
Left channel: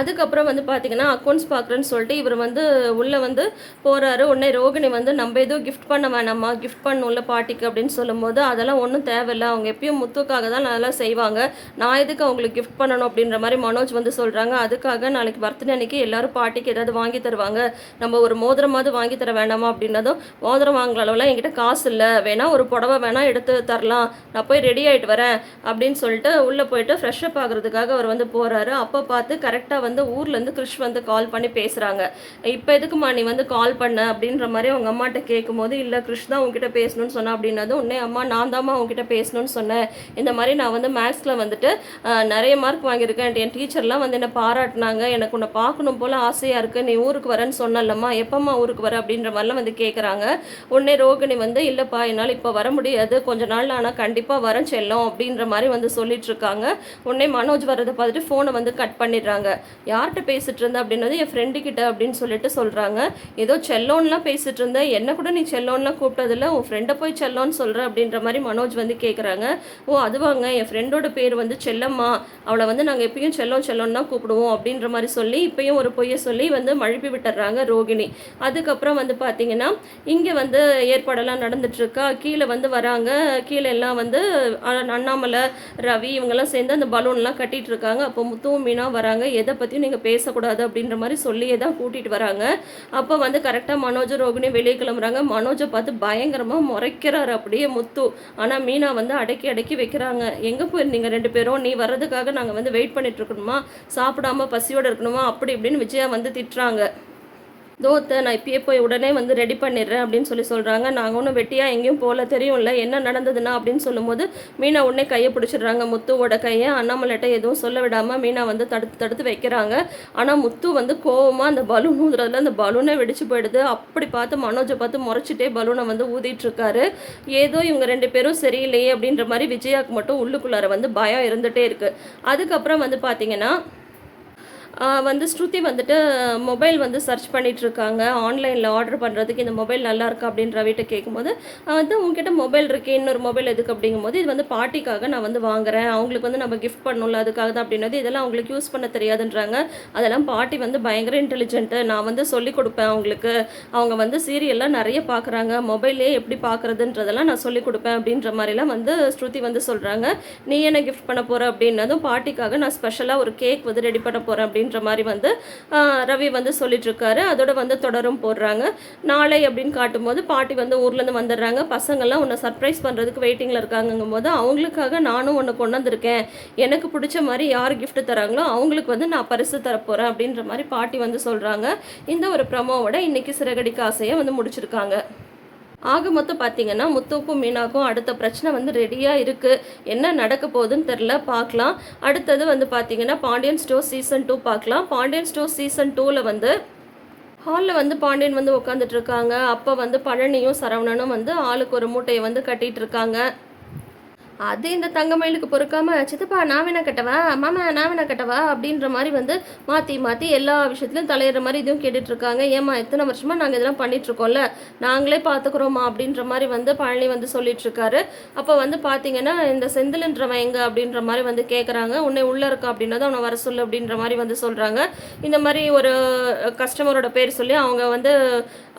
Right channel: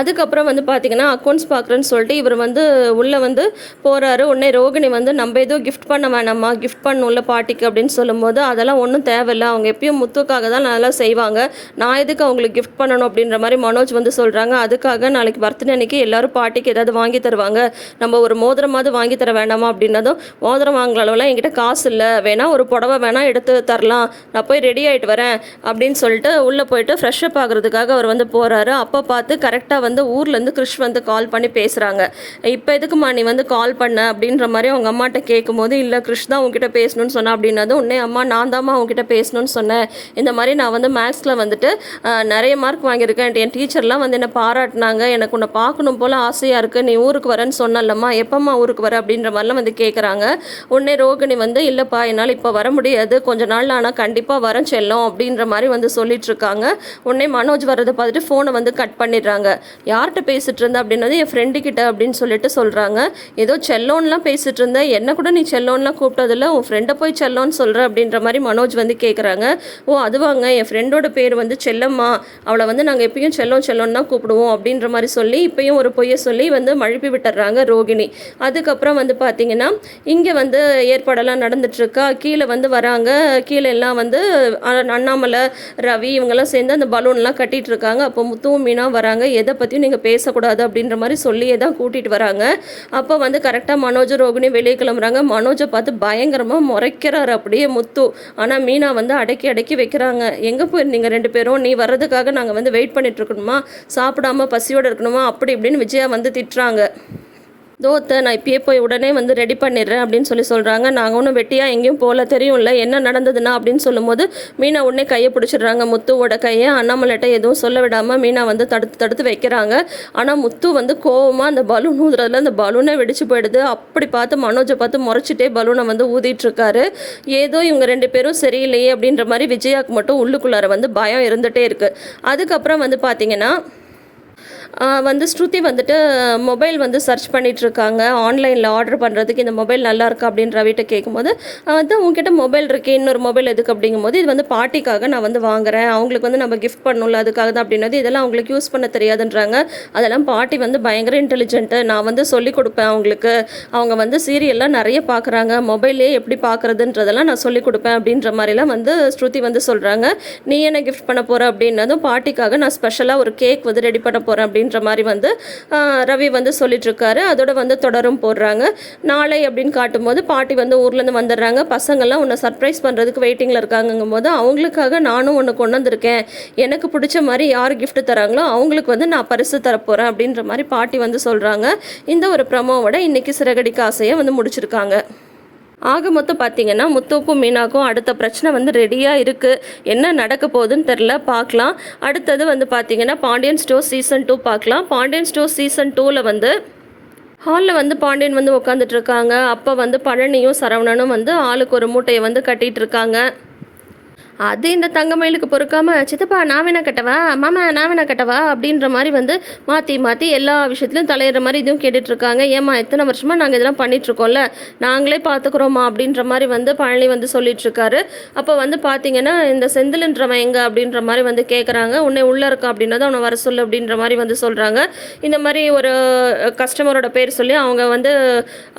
அதுக்கப்புறம் வந்து பார்த்தீங்கன்னா அக்கௌண்ட்ஸ் பார்க்குறேன்னு சொல்லிட்டு இவர் வந்து உள்ளே வந்து போகிறாரு உடனே ரோகிணி வந்து நம்ம ஏதோ கிஃப்ட் பண்ண வேணாமா கிஃப்ட் பண்ணும்ல பாட்டிக்கு அப்படின்னு சொல்லும்போது அதெல்லாம் ஒன்றும் தேவையில்ல. அவங்க எப்பயும் முத்துக்காக தான் நல்லா செய்வாங்க. நான் எதுக்கு அவங்களுக்கு கிஃப்ட் பண்ணணும் அப்படின்ற மாதிரி மனோஜ் வந்து சொல்கிறாங்க அதுக்காக நாளைக்கு பர்த்டே அன்னைக்கு எல்லாரும் பாட்டிக்கு ஏதாவது வாங்கி தருவாங்க. நம்ம ஒரு மோதிரமாவது வாங்கி தர வேணாமா அப்படின்னதும் மோதிரம் வாங்குற அளவுலாம் என்கிட்ட காசு இல்லை. வேணா ஒரு புடவை வேணால் எடுத்து தரலாம். நான் போய் ரெடி ஆகிட்டு வரேன் அப்படின்னு சொல்லிட்டு உள்ளே போயிட்டு ஃப்ரெஷ்அப் ஆகிறதுக்காக அவர் வந்து போகிறாரு அப்போ பார்த்து கரெக்டாக வந்து ஊர்லேருந்து கிருஷ் வந்து கால் பண்ணி பேசுகிறாங்க இப்போ எதுக்குமா நீ வந்து கால் பண்ண? அப்படின்ற மாதிரி அவங்க அம்மாட்ட கேட்கும்போது இல்லை கிருஷ் தான் உங்ககிட்ட பேசணும்னு சொன்னேன் அப்படின்னதும் உடனே அம்மா நான் தாம்மா உங்ககிட்ட பேசணும்னு சொன்னேன். இந்த மாதிரி நான் வந்து மேக்ஸில் வந்துட்டு நிறைய மார்க் வாங்கியிருக்கேன். என் டீச்சர்லாம் வந்து என்னை பாராட்டினாங்க. எனக்கு உன்னை பார்க்கணும் போல் ஆசையாக இருக்குது நீ ஊருக்கு வரேன்னு சொன்னல்லம்மா. எப்பம்மா ஊருக்கு வர? அப்படின்ற மாதிரிலாம் வந்து கேட்குறாங்க உடனே ரோகிணி வந்து இல்லைப்பா என்னால் இப்போ வர முடியாது. கொஞ்ச நாள் ஆனால் கண்டிப்பாக வரேன் செல்லும். அப்படின்ற மாதிரி வந்து சொல்லிட்டு இருக்காங்க. உடனே மனோஜ் வரதை பார்த்துட்டு ஃபோனை வந்து கட் பண்ணிடுறாங்க. யார்கிட்ட பேசிகிட்டு இருந்த அப்படின்னது என் ஃப்ரெண்டு கிட்ட அப்படின்னு சொல்லிட்டு சொல்கிறாங்க ஏதோ செல்லோன்லாம் பேசிகிட்டு இருந்த என்ன கூட நீ செல்லோன்லாம் கூப்பிட்டதில்ல. உன் ஃப்ரெண்டை போய் செல்லோன்னு சொல்கிற அப்படின்ற மாதிரி மனோஜ் வந்து கேட்குறாங்க ஓ அதுவாங்க. என் ஃப்ரெண்டோட பேர் வந்து செல்லம்மா. அவளை வந்து நாங்கள் எப்பயும் செல்லம் செல்லோன்னு தான் கூப்பிடுவோம் அப்படின்ற மாதிரி சொல்லி இப்பயும் ஒரு பொய்யை சொல்லி வந்து மழுப்பி விட்டுறாங்க ரோகிணி. அதுக்கப்புறம் வந்து பார்த்தீங்கன்னா இங்கே வந்து ஏற்பாடெல்லாம் நடந்துட்டுருக்கா. கீழே வந்து வராங்க. கீழே எல்லாம் வந்து அண்ணாமலை ரவி இவங்கெல்லாம் சேர்ந்து அந்த பலூன்லாம் கட்டிட்டு இருக்காங்க அப்போ முத்துவும் மீனாக வராங்க. எதை பற்றியும் நீங்கள் பேசக்கூடாது அப்படின்ற மாதிரி சொல்லியே தான் கூட்டிகிட்டு வராங்க. அப்போ வந்து கரெக்டாக மனோஜ் ரோகிணி வெளியே கிளம்புறாங்க. மனோஜை பார்த்து பயங்கரமாக முறைக்கிறாரு அப்படியே முத்து. ஆனால் மீனா வந்து அடக்கி அடக்கி வைக்கிறாங்க. எங்கே போயிருந்தீங்க ரெண்டு பேரும்? நீ வர்றதுக்காக நாங்கள் வந்து வெயிட் பண்ணிட்டு இருக்கணுமா? சாப்பிடாம பசியோடு இருக்கணுமா? அப்படி இப்படின்னு விஜயா வந்து திட்டுறாங்க. தோத்தை நான் இப்பயே போய் உடனே வந்து ரெடி பண்ணிடுறேன் அப்படின்னு சொல்லி சொல்கிறாங்க நாங்கள் ஒன்றும் வெட்டியாக எங்கேயும் போகல தெரியும்ல என்ன நடந்ததுன்னா அப்படின்னு சொல்லும்போது மீனா உடனே கையை பிடிச்சிடுறாங்க. முத்துவோட கையை அண்ணாமலைட்ட எதுவும் சொல்ல விடாமல் மீனா வந்து தடுத்து தடுத்து வைக்கிறாங்க. ஆனால் முத்து வந்து கோவமாக அந்த பலூன் ஊதுறதுல அந்த பலூனே வெடிச்சு போயிடுது. அப்படி பார்த்து மனோஜை பார்த்து முறைச்சிட்டே பலூனை வந்து ஊதிட்டுருக்காரு ஏதோ இவங்க ரெண்டு பேரும் சரியில்லையே அப்படின்ற மாதிரி விஜயாக்கு மட்டும் உள்ளுக்குள்ளார வந்து பயம் இருந்துகிட்டே இருக்குது அதுக்கப்புறம் வந்து பார்த்தீங்கன்னா வந்து ஸ்ருதி வந்துட்டு மொபைல் வந்து சர்ச் பண்ணிட்டு இருக்காங்க ஆன்லைனில் ஆர்டர் பண்ணுறதுக்கு இந்த மொபைல் நல்லா இருக்கா அப்படின்னு ரவிட்ட கேட்கும்போது வந்து உங்ககிட்ட மொபைல் இருக்குது இன்னொரு மொபைல் எதுக்கு? அப்படிங்கும்போது இது வந்து பாட்டிக்காக நான் வந்து வாங்குறேன். அவங்களுக்கு வந்து நம்ம கிஃப்ட் பண்ணணும்ல அதுக்காக தான் அப்படின்னது இதெல்லாம் அவங்களுக்கு யூஸ் பண்ண தெரியாதுன்றாங்க. அதெல்லாம் பாட்டி வந்து பயங்கர இன்டெலிஜென்ட்டு நான் வந்து சொல்லிக் கொடுப்பேன் அவங்களுக்கு. அவங்க வந்து சீரியல்லாம் நிறைய பார்க்குறாங்க மொபைலே எப்படி பார்க்குறதுன்றதெல்லாம் நான் சொல்லிக் கொடுப்பேன் அப்படின்ற மாதிரிலாம் வந்து ஸ்ருதி வந்து சொல்கிறாங்க நீ என்ன கிஃப்ட் பண்ண போகிற அப்படின்னதும் பாட்டிக்காக நான் ஸ்பெஷலாக ஒரு கேக் வந்து ரெடி பண்ண போகிறேன் அப்படின்னு அப்படின்ற மாதிரி வந்து ரவி வந்து சொல்லிட்டுருக்காரு அதோட வந்து தொடரும் போடுறாங்க. நாளை அப்படின்னு காட்டும்போது பாட்டி வந்து ஊர்லேருந்து வந்துடுறாங்க. பசங்கள்லாம் உன்னை சர்ப்ரைஸ் பண்ணுறதுக்கு வெயிட்டிங்கில் இருக்காங்கங்கும் போது அவங்களுக்காக நானும் ஒன்று கொண்டு வந்திருக்கேன் எனக்கு பிடிச்ச மாதிரி யார் கிஃப்ட் தராங்களோ அவங்களுக்கு வந்து நான் பரிசு தரப்போகிறேன் அப்படின்ற மாதிரி பாட்டி வந்து சொல்கிறாங்க இந்த ஒரு ப்ரமோவோட இன்றைக்கி சிறகடிக்க ஆசையை வந்து முடிச்சிருக்காங்க. ஆக மொத்தம் பார்த்தீங்கன்னா முத்துவுக்கும் மீனாக்கும் அடுத்த பிரச்சனை வந்து ரெடியாக இருக்குது என்ன நடக்க போகுதுன்னு தெரில பார்க்கலாம் அடுத்தது வந்து பார்த்தீங்கன்னா பாண்டியன் ஸ்டோர் சீசன் டூ பார்க்கலாம் பாண்டியன் ஸ்டோர் சீசன் டூவில் வந்து ஹாலில் வந்து பாண்டியன் வந்து உட்காந்துட்டு இருக்காங்க. அப்போ வந்து பழனியும் சரவணனும் வந்து ஆளுக்கு ஒரு மூட்டையை வந்து கட்டிகிட்டு இருக்காங்க. அது இந்த தங்கமயிலுக்கு பொறுக்காம சித்தப்பா நான் வேணா கட்டவா? மாமா நான் வேணா கட்டவா? அப்படின்ற மாதிரி வந்து மாற்றி மாற்றி எல்லா விஷயத்துலையும் தலையிடுற மாதிரி இதுவும் கேட்டுட்ருக்காங்க. ஏமா எத்தனை வருஷமா நாங்கள் இதெல்லாம் பண்ணிகிட்ருக்கோம்ல நாங்களே பார்த்துக்குறோமா அப்படின்ற மாதிரி வந்து பழனி வந்து சொல்லிகிட்ருக்காரு அப்போ வந்து பார்த்தீங்கன்னா இந்த செந்தில்ன்றவன் எங்கே? அப்படின்ற மாதிரி வந்து கேட்குறாங்க உன்னை உள்ளே இருக்கா அப்படின்னா தான் அவனை வர சொல்லு அப்படின்ற மாதிரி வந்து சொல்கிறாங்க இந்த மாதிரி ஒரு கஸ்டமரோட பேர் சொல்லி அவங்க வந்து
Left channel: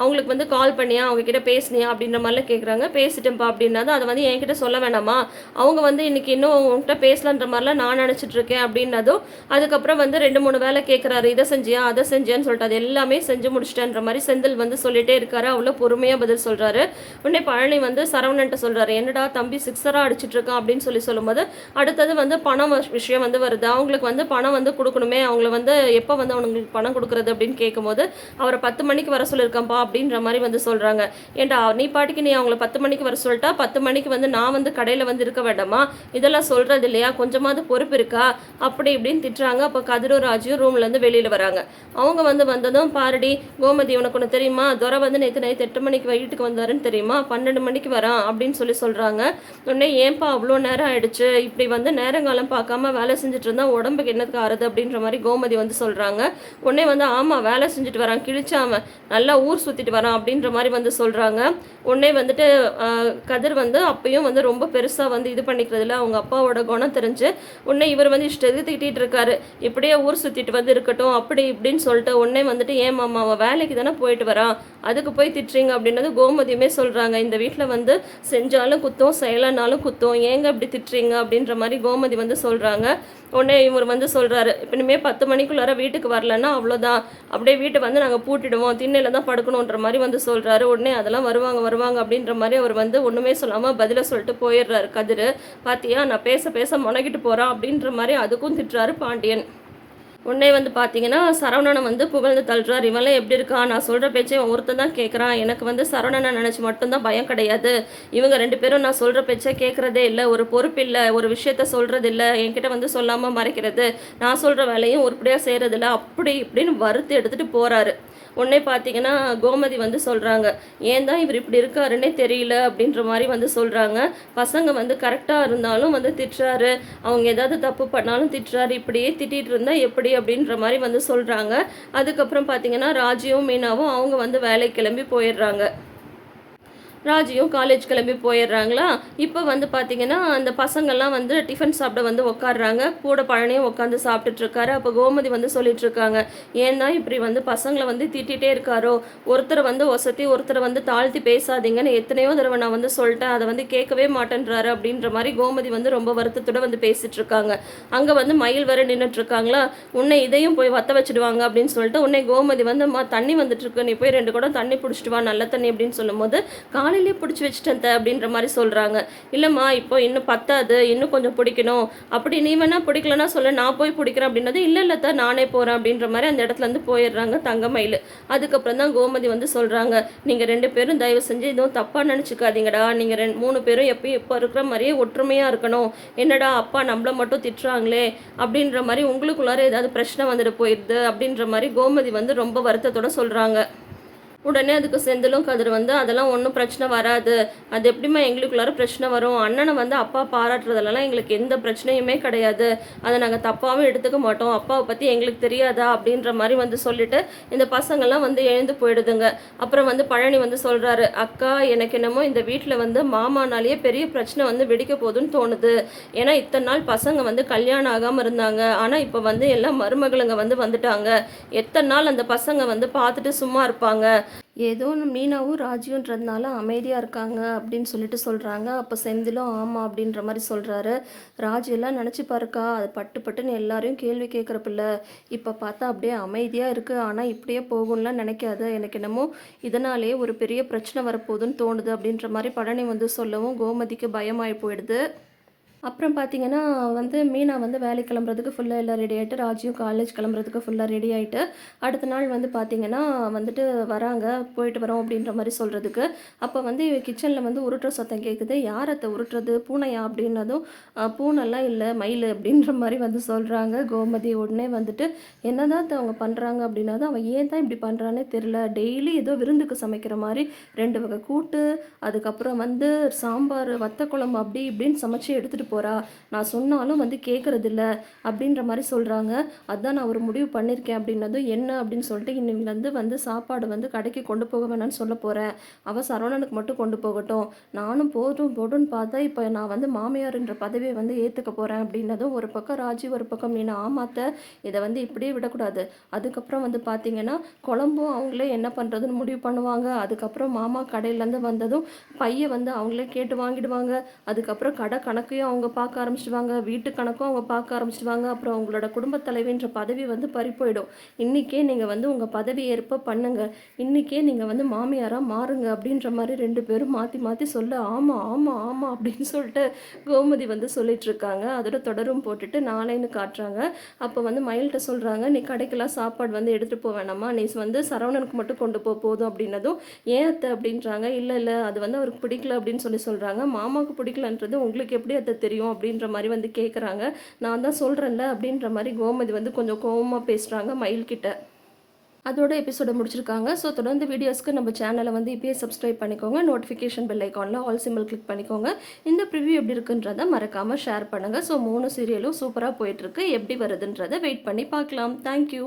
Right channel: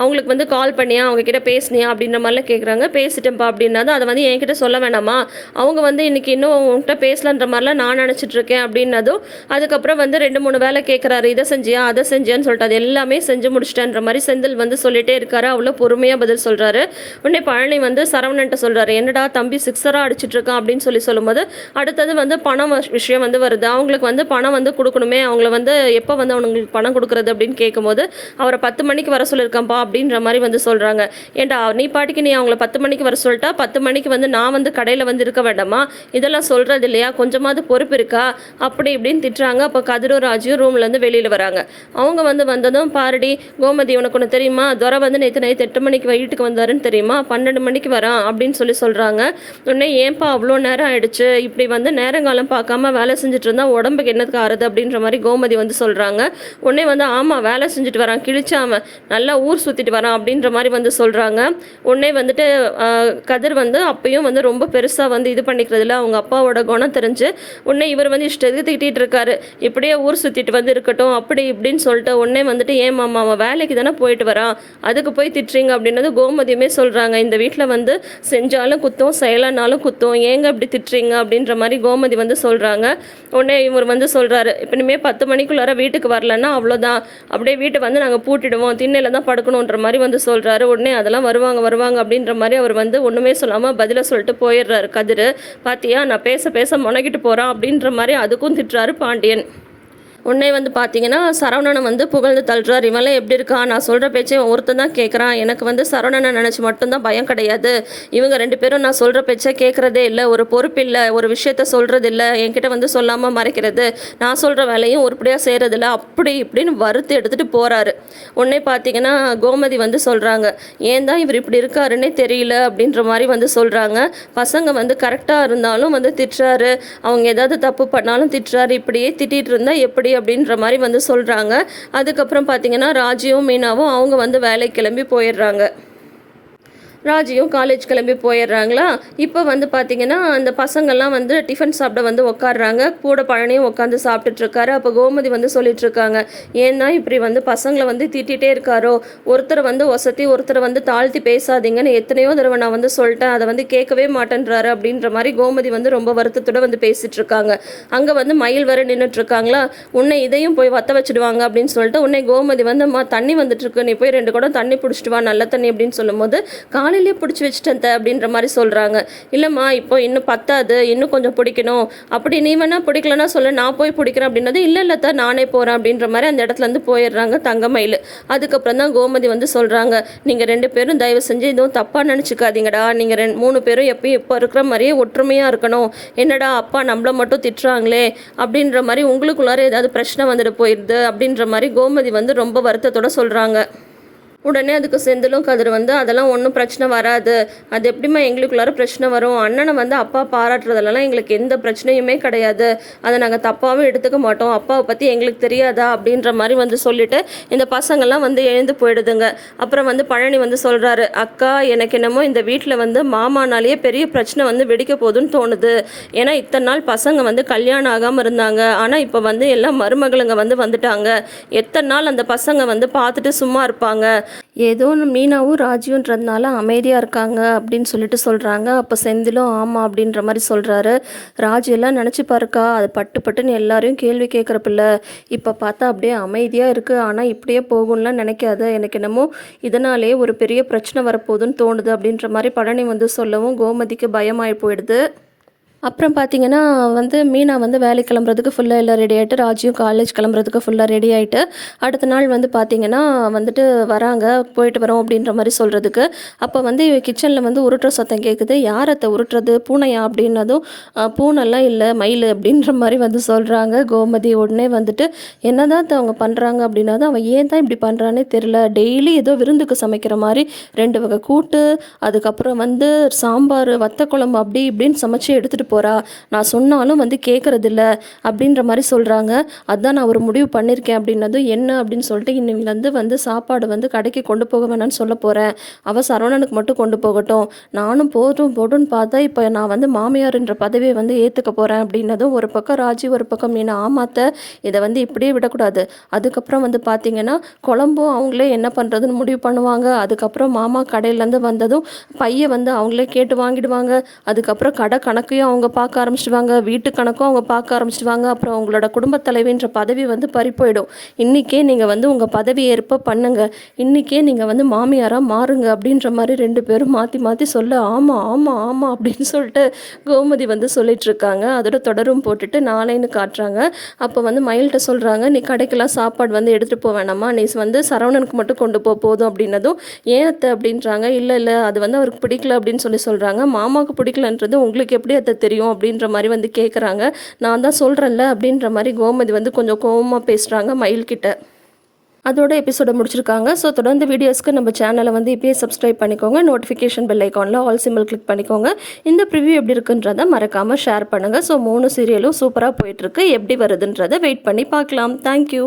அவங்களுக்கு வந்து கால் பண்ணியா? அவங்க கிட்ட பேசுனியா? அப்படின்ற மாதிரிலாம் கேட்குறாங்க பேசிட்டேன்ப்பா அப்படின்னா தான் அதை வந்து என்கிட்ட சொல்ல வேணாமா? அவங்க வந்து இன்னைக்கு இன்னும் உன்கிட்ட பேசலன்ற மாதிரிலாம் நான் நினச்சிட்ருக்கேன் அப்படின்னதும் அதுக்கப்புறம் வந்து ரெண்டு மூணு வேலை கேட்குறாரு இதை செஞ்சியா அதை செஞ்சியான்னு சொல்லிட்டு அது எல்லாமே செஞ்சு முடிச்சிட்டேன்ற மாதிரி செந்தில் வந்து சொல்லிகிட்டே இருக்காரு. அவ்வளோ பொறுமையாக பதில் சொல்கிறாரு உடனே பழனி வந்து சரவணன்ட்ட சொல்கிறாரு என்னடா தம்பி சிக்ஸராக அடிச்சிட்ருக்கான் அப்படின்னு சொல்லி சொல்லும்போது அடுத்தது வந்து பணம் விஷயம் வந்து வருது. அவங்களுக்கு வந்து பணம் வந்து கொடுக்கணுமே அவங்கள வந்து எப்போ வந்து அவங்களுக்கு பணம் கொடுக்குறது அப்படின்னு கேட்கும்போது அவரை பத்து மணிக்கு வர சொல்லியிருக்கேன்ப்பா அப்படின்ற மாதிரி வந்து சொல்கிறாங்க ஏன்டா நீ பாட்டுக்கு நீ அவங்கள பத்து மணிக்கு வர சொல்லிட்டா பத்து மணிக்கு வந்து நான் வந்து கடையில் வந்து இருக்க வேண்டாமா? இதெல்லாம் சொல்கிறது இல்லையா? கொஞ்சமாவது பொறுப்பு இருக்கா? அப்படி இப்படின்னு திட்டுறாங்க. அப்போ கதிரும் ராஜும் ரூம்லேருந்து வெளியில் வராங்க. அவங்க வந்து வந்ததும் பாருடி கோமதி உனக்கு ஒன்று தெரியுமா? துரை வந்து நேற்று நைத்து எட்டு மணிக்கு வீட்டுக்கு வந்தாருன்னு தெரியுமா? பன்னெண்டு மணிக்கு வரான் அப்படின்னு சொல்லி சொல்கிறாங்க உடனே ஏன்பா அவ்வளோ நேரம் ஆயிடுச்சு? இப்படி வந்து நேரங்காலம் பார்க்காம வேலை செஞ்சுட்டு இருந்தால் உடம்புக்கு என்னத்துக்கு ஆறுது? அப்படின்ற மாதிரி கோமதி வந்து சொல்கிறாங்க உடனே வந்து ஆமாம் வேலை செஞ்சுட்டு வரான். கிழிச்சாம நல்லா ஊர் சுற்றிட்டு வரான். அப்படின்ற மாதிரி வந்து சொல்கிறாங்க உடனே வந்துட்டு கதிர் வந்து அப்பயும் வந்து ரொம்ப பெருசாக வந்து வந்து இது பண்ணிக்கிறதுல அவங்க அப்பாவோட குணம் தெரிஞ்சு உடனே இவர் வந்து இஷ்டத்துக்கு திட்டிகிட்டு இருக்காரு. இப்படியே ஊர் சுற்றிட்டு வந்து இருக்கட்டும் அப்படி இப்படின்னு சொல்லிட்டு உடனே வந்துட்டு ஏன் மாமா அவன் வேலைக்கு தானே போயிட்டு வரான் அதுக்கு போய் திட்டுறீங்க அப்படின்னது கோமதியுமே சொல்கிறாங்க இந்த வீட்டில் வந்து செஞ்சாலும் குத்தும் செயலானாலும் குத்தும் ஏங்க இப்படி திட்டுறீங்க? அப்படின்ற மாதிரி கோமதி வந்து சொல்கிறாங்க உடனே இவர் வந்து சொல்கிறாரு இப்போ இனிமேல் பத்து மணிக்குள்ளார வீட்டுக்கு வரலன்னா அவ்வளோதான் அப்படியே வீட்டை வந்து நாங்கள் பூட்டிடுவோம் திண்ணையில் தான் படுக்கணுன்ற மாதிரி வந்து சொல்கிறாரு உடனே அதெல்லாம் வருவாங்க வருவாங்க அப்படின்ற மாதிரி அவர் வந்து ஒன்றுமே சொல்லாமல் பதிலை சொல்லிட்டு போயிடுறாரு கதிர். பாத்தியா? நான் பேச பேச முனகிட்டு போகிறேன் அப்படின்ற மாதிரி அதுக்கும் திட்டுறாரு பாண்டியன். உடனே வந்து பார்த்தீங்கன்னா சரவணனை வந்து புகழ்ந்து தள்ளுறார். இவன்லாம் எப்படி இருக்கான்? நான் சொல்கிற பேச்சை ஒருத்தன் தான் கேட்குறான் எனக்கு வந்து சரவணனை நினச்சி மட்டும்தான் பயம் கிடையாது. இவங்க ரெண்டு பேரும் நான் சொல்கிற பேச்சை கேட்குறதே இல்லை. ஒரு பொறுப்பு இல்லை. ஒரு விஷயத்த சொல்கிறது இல்லை. என்கிட்ட வந்து சொல்லாமல் மறைக்கிறது. நான் சொல்கிற வேலையும் உருப்படியாக செய்கிறதில்ல அப்படி இப்படின்னு வறுத்து எடுத்துகிட்டு போகிறாரு உடனே பார்த்தீங்கன்னா கோமதி வந்து சொல்கிறாங்க ஏன் தான் இவர் இப்படி இருக்காருன்னே தெரியல அப்படின்ற மாதிரி வந்து சொல்கிறாங்க பசங்க வந்து கரெக்டாக இருந்தாலும் வந்து திட்டுறாரு. அவங்க ஏதாவது தப்பு பண்ணாலும் திட்டுறாரு. இப்படியே திட்டிகிட்டு இருந்தால் எப்படி அப்படின்ற மாதிரி வந்து சொல்கிறாங்க அதுக்கப்புறம் பார்த்தீங்கன்னா ராஜியும் மீனாவும் அவங்க வந்து வேலைக்கு கிளம்பி போயிடுறாங்க. ராஜியும் காலேஜ் கிளம்பி போயிடுறாங்களா? இப்போ வந்து பார்த்தீங்கன்னா அந்த பசங்கள்லாம் வந்து டிஃபன் சாப்பிட வந்து உட்காடுறாங்க கூட பழனியும் உட்காந்து சாப்பிட்டுட்ருக்காரு அப்போ கோமதி வந்து சொல்லிட்டுருக்காங்க ஏன்னா இப்படி வந்து பசங்களை வந்து திட்டிகிட்டே இருக்காரோ? ஒருத்தரை வந்து ஒசத்தி ஒருத்தரை வந்து தாழ்த்தி பேசாதீங்கன்னு எத்தனையோ தடவை நான் வந்து சொல்லிட்டேன். அதை வந்து கேட்கவே மாட்டேன்றாரு. அப்படின்ற மாதிரி கோமதி வந்து ரொம்ப வருத்தத்தோட வந்து பேசிகிட்ருக்காங்க அங்கே வந்து மயில் வர நின்றுட்டுருக்காங்களா உன்னை இதையும் போய் வத்த வச்சுடுவாங்க அப்படின்னு சொல்லிட்டு உன்னை கோமதி வந்து தண்ணி வந்துட்டுருக்கு நீ போய் ரெண்டு குடம் தண்ணி பிடிச்சிட்டு வா. நல்ல தண்ணி அப்படின்னு சொல்லும்போது காலையிலேயே பிடிச்சி வச்சுட்டேன் த அப்படின்ற மாதிரி சொல்கிறாங்க இல்லைம்மா இப்போ இன்னும் பத்தாது இன்னும் கொஞ்சம் பிடிக்கணும். அப்படி நீ வேணால் பிடிக்கலன்னா சொல்லு நான் போய் பிடிக்கிறேன் அப்படின்றது இல்லை இல்லை தான் நானே போகிறேன் அப்படின்ற மாதிரி அந்த இடத்துல இருந்து போயிடுறாங்க தங்கமயில் அதுக்கப்புறம் தான் கோமதி வந்து சொல்கிறாங்க நீங்கள் ரெண்டு பேரும் தயவு செஞ்சு எதுவும் தப்பாக நினச்சிக்காதீங்கடா. நீங்கள் ரெண்டு மூணு பேரும் எப்பயும் இப்போ இருக்கிற மாதிரியே ஒற்றுமையாக இருக்கணும். என்னடா அப்பா நம்மளை மட்டும் திட்டுறாங்களே அப்படின்ற மாதிரி உங்களுக்குள்ளார ஏதாவது பிரச்சனை வந்துட்டு போயிடுது அப்படின்ற மாதிரி கோமதி வந்து ரொம்ப வருத்தத்தோட சொல்கிறாங்க உடனே அதுக்கு செந்திலும் கதிர் வந்து அதெல்லாம் ஒன்றும் பிரச்சனை வராது. அது எப்படிம்மா எங்களுக்குள்ளார பிரச்சனை வரும்? அண்ணனை வந்து அப்பா பாராட்டுறதுலலாம் எங்களுக்கு எந்த பிரச்சனையுமே கிடையாது. அதை நாங்கள் தப்பாகவும் எடுத்துக்க மாட்டோம். அப்பாவை பற்றி எங்களுக்கு தெரியாதா? அப்படின்ற மாதிரி வந்து சொல்லிட்டு இந்த பசங்கள்லாம் வந்து எழுந்து போயிடுதுங்க. அப்புறம் வந்து பழனி வந்து சொல்கிறாரு அக்கா எனக்கு என்னமோ இந்த வீட்டில் வந்து மாமானாலேயே பெரிய பிரச்சனை வந்து வெடிக்க போகுதுன்னு தோணுது. ஏன்னா இத்தனை நாள் பசங்க வந்து கல்யாணம் ஆகாமல் இருந்தாங்க. ஆனால் இப்போ வந்து எல்லாம் மருமகளுங்க வந்து வந்துட்டாங்க. எத்தனை நாள் அந்த பசங்க வந்து பார்த்துட்டு சும்மா இருப்பாங்க? ஏதோ ஒன்று மீனாவும் ராஜியுன்றதுனால அமைதியாக இருக்காங்க அப்படின்னு சொல்லிட்டு சொல்கிறாங்க அப்போ செந்திலும் ஆமாம் அப்படின்ற மாதிரி சொல்கிறாரு ராஜு எல்லாம் நினச்சி பாருக்கா அது பட்டு பட்டுன்னு எல்லாரையும் கேள்வி கேட்குற பிள்ளை இப்போ பார்த்தா அப்படியே அமைதியாக இருக்குது ஆனால் இப்படியே போகும்லாம் நினைக்காத. எனக்கு என்னமோ இதனாலே ஒரு பெரிய பிரச்சனை வரப்போகுதுன்னு தோணுது அப்படின்ற மாதிரி பழனி வந்து சொல்லவும் கோமதிக்கு பயமாகி போயிடுது. அப்புறம் பார்த்தீங்கன்னா வந்து மீனா வந்து வேலைக்கு கிளம்புறதுக்கு ஃபுல்லாக எல்லாம் ரெடி ஆகிட்டு ராஜியும் காலேஜ் கிளம்புறதுக்கு ஃபுல்லாக ரெடி ஆகிட்டு அடுத்த நாள் வந்து பார்த்தீங்கன்னா வந்துட்டு வராங்க போயிட்டு வரோம் அப்படின்ற மாதிரி சொல்கிறதுக்கு அப்போ வந்து கிச்சனில் வந்து உருட்டுற சத்தம் கேட்குது யாரத்தை உருட்டுறது? பூனையா அப்படின்னதும் பூனெல்லாம் பூனைலாம் இல்லை மயில் அப்படின்ற மாதிரி வந்து சொல்கிறாங்க கோமதி உடனே வந்துட்டு என்னதான் தான் அவங்க பண்ணுறாங்க அப்படின்னதும் அவன் ஏன் தான் இப்படி பண்ணுறானே தெரில டெய்லி ஏதோ விருந்துக்கு சமைக்கிற மாதிரி ரெண்டு வகை கூட்டு அதுக்கப்புறம் வந்து சாம்பார் வத்த குழம்பு அப்படி இப்படின்னு சமைச்சு எடுத்துகிட்டு போகிறா நான் சொன்னாலும் வந்து கேட்குறதில்ல அப்படின்ற மாதிரி சொல்கிறாங்க அதான் நான் ஒரு முடிவு பண்ணியிருக்கேன் அப்படின்னதும் என்ன அப்படின்னு சொல்லிட்டு இன்னிலேருந்து வந்து சாப்பாடு வந்து கடைக்கு கொண்டு போக வேணாம்னு சொல்ல போகிறேன் அவள் சரவணனுக்கு மட்டும் கொண்டு போகட்டும். நானும் போதும் போடுன்னு பார்த்தா இப்போ நான் வந்து மாமியார்ன்ற பதவியை வந்து ஏற்றுக்க போகிறேன் அப்படின்னதும் ஒரு பக்கம் ராஜி ஒரு பக்கம் மீனா. ஆமாத்த இதை வந்து இப்படியே விடக்கூடாது. அதுக்கப்புறம் வந்து பார்த்தீங்கன்னா குழம்பும் அவங்களே என்ன பண்ணுறதுன்னு முடிவு பண்ணுவாங்க. அதுக்கப்புறம் மாமா கடையிலேருந்து வந்ததும் பையன் வந்து அவங்களே கேட்டு வாங்கிடுவாங்க. அதுக்கப்புறம் கடை கணக்கையும் அவங்க அவங்க பார்க்க ஆரம்பிச்சிடுவாங்க. வீட்டு கணக்கும் அவங்க பார்க்க ஆரம்பிச்சிடுவாங்க. அப்புறம் உங்களோட குடும்பத் தலைவின்ற பதவி வந்து பறிப்போயிடும் இன்றைக்கே நீங்கள் வந்து உங்கள் பதவி ஏற்ப பண்ணுங்க. இன்றைக்கே நீங்கள் வந்து மாமியாராக மாறுங்க அப்படின்ற மாதிரி ரெண்டு பேரும் மாற்றி மாற்றி சொல்ல ஆமாம் ஆமாம் ஆமாம் அப்படின்னு சொல்லிட்டு கோமதி வந்து சொல்லிகிட்ருக்காங்க அதோட தொடரும் போட்டுட்டு நாளைன்னு காட்டுறாங்க. அப்போ வந்து மயில்கிட்ட சொல்கிறாங்க நீ கடைக்கெல்லாம் சாப்பாடு வந்து எடுத்துகிட்டு போக வேணாமா நீ வந்து சரவணனுக்கு மட்டும் கொண்டு போக போதும் அப்படின்னதும் ஏன் அத்தை? அப்படின்றாங்க. இல்லை இல்லை அது வந்து அவருக்கு பிடிக்கல அப்படின்னு சொல்லி சொல்கிறாங்க மாமாவுக்கு பிடிக்கலன்றது உங்களுக்கு எப்படி அத்தை தெரியும்? அப்படின்ற மாதிரி வந்து கேட்குறாங்க நான் தான் சொல்கிறேன்ல அப்படின்ற மாதிரி கோமதி வந்து கொஞ்சம் கோவமாக பேசுகிறாங்க மயில்கிட்ட அதோட எபிசோடை முடிச்சிருக்காங்க. ஸோ தொடர்ந்து வீடியோஸ்க்கு நம்ம சேனலை வந்து இப்பயே சப்ஸ்கிரைப் பண்ணிக்கோங்க. நோட்டிஃபிகேஷன் பெல் ஐக்கானில் ஆல் சிம்பிள் கிளிக் பண்ணிக்கோங்க. இந்த ப்ரிவ்யூ எப்படி இருக்குன்றதை மறக்காமல் ஷேர் பண்ணுங்கள் ஸோ மூணு சீரியலும் சூப்பராக போயிட்டுருக்கு எப்படி வருதுன்றதை வெயிட் பண்ணி பார்க்கலாம். தேங்க்யூ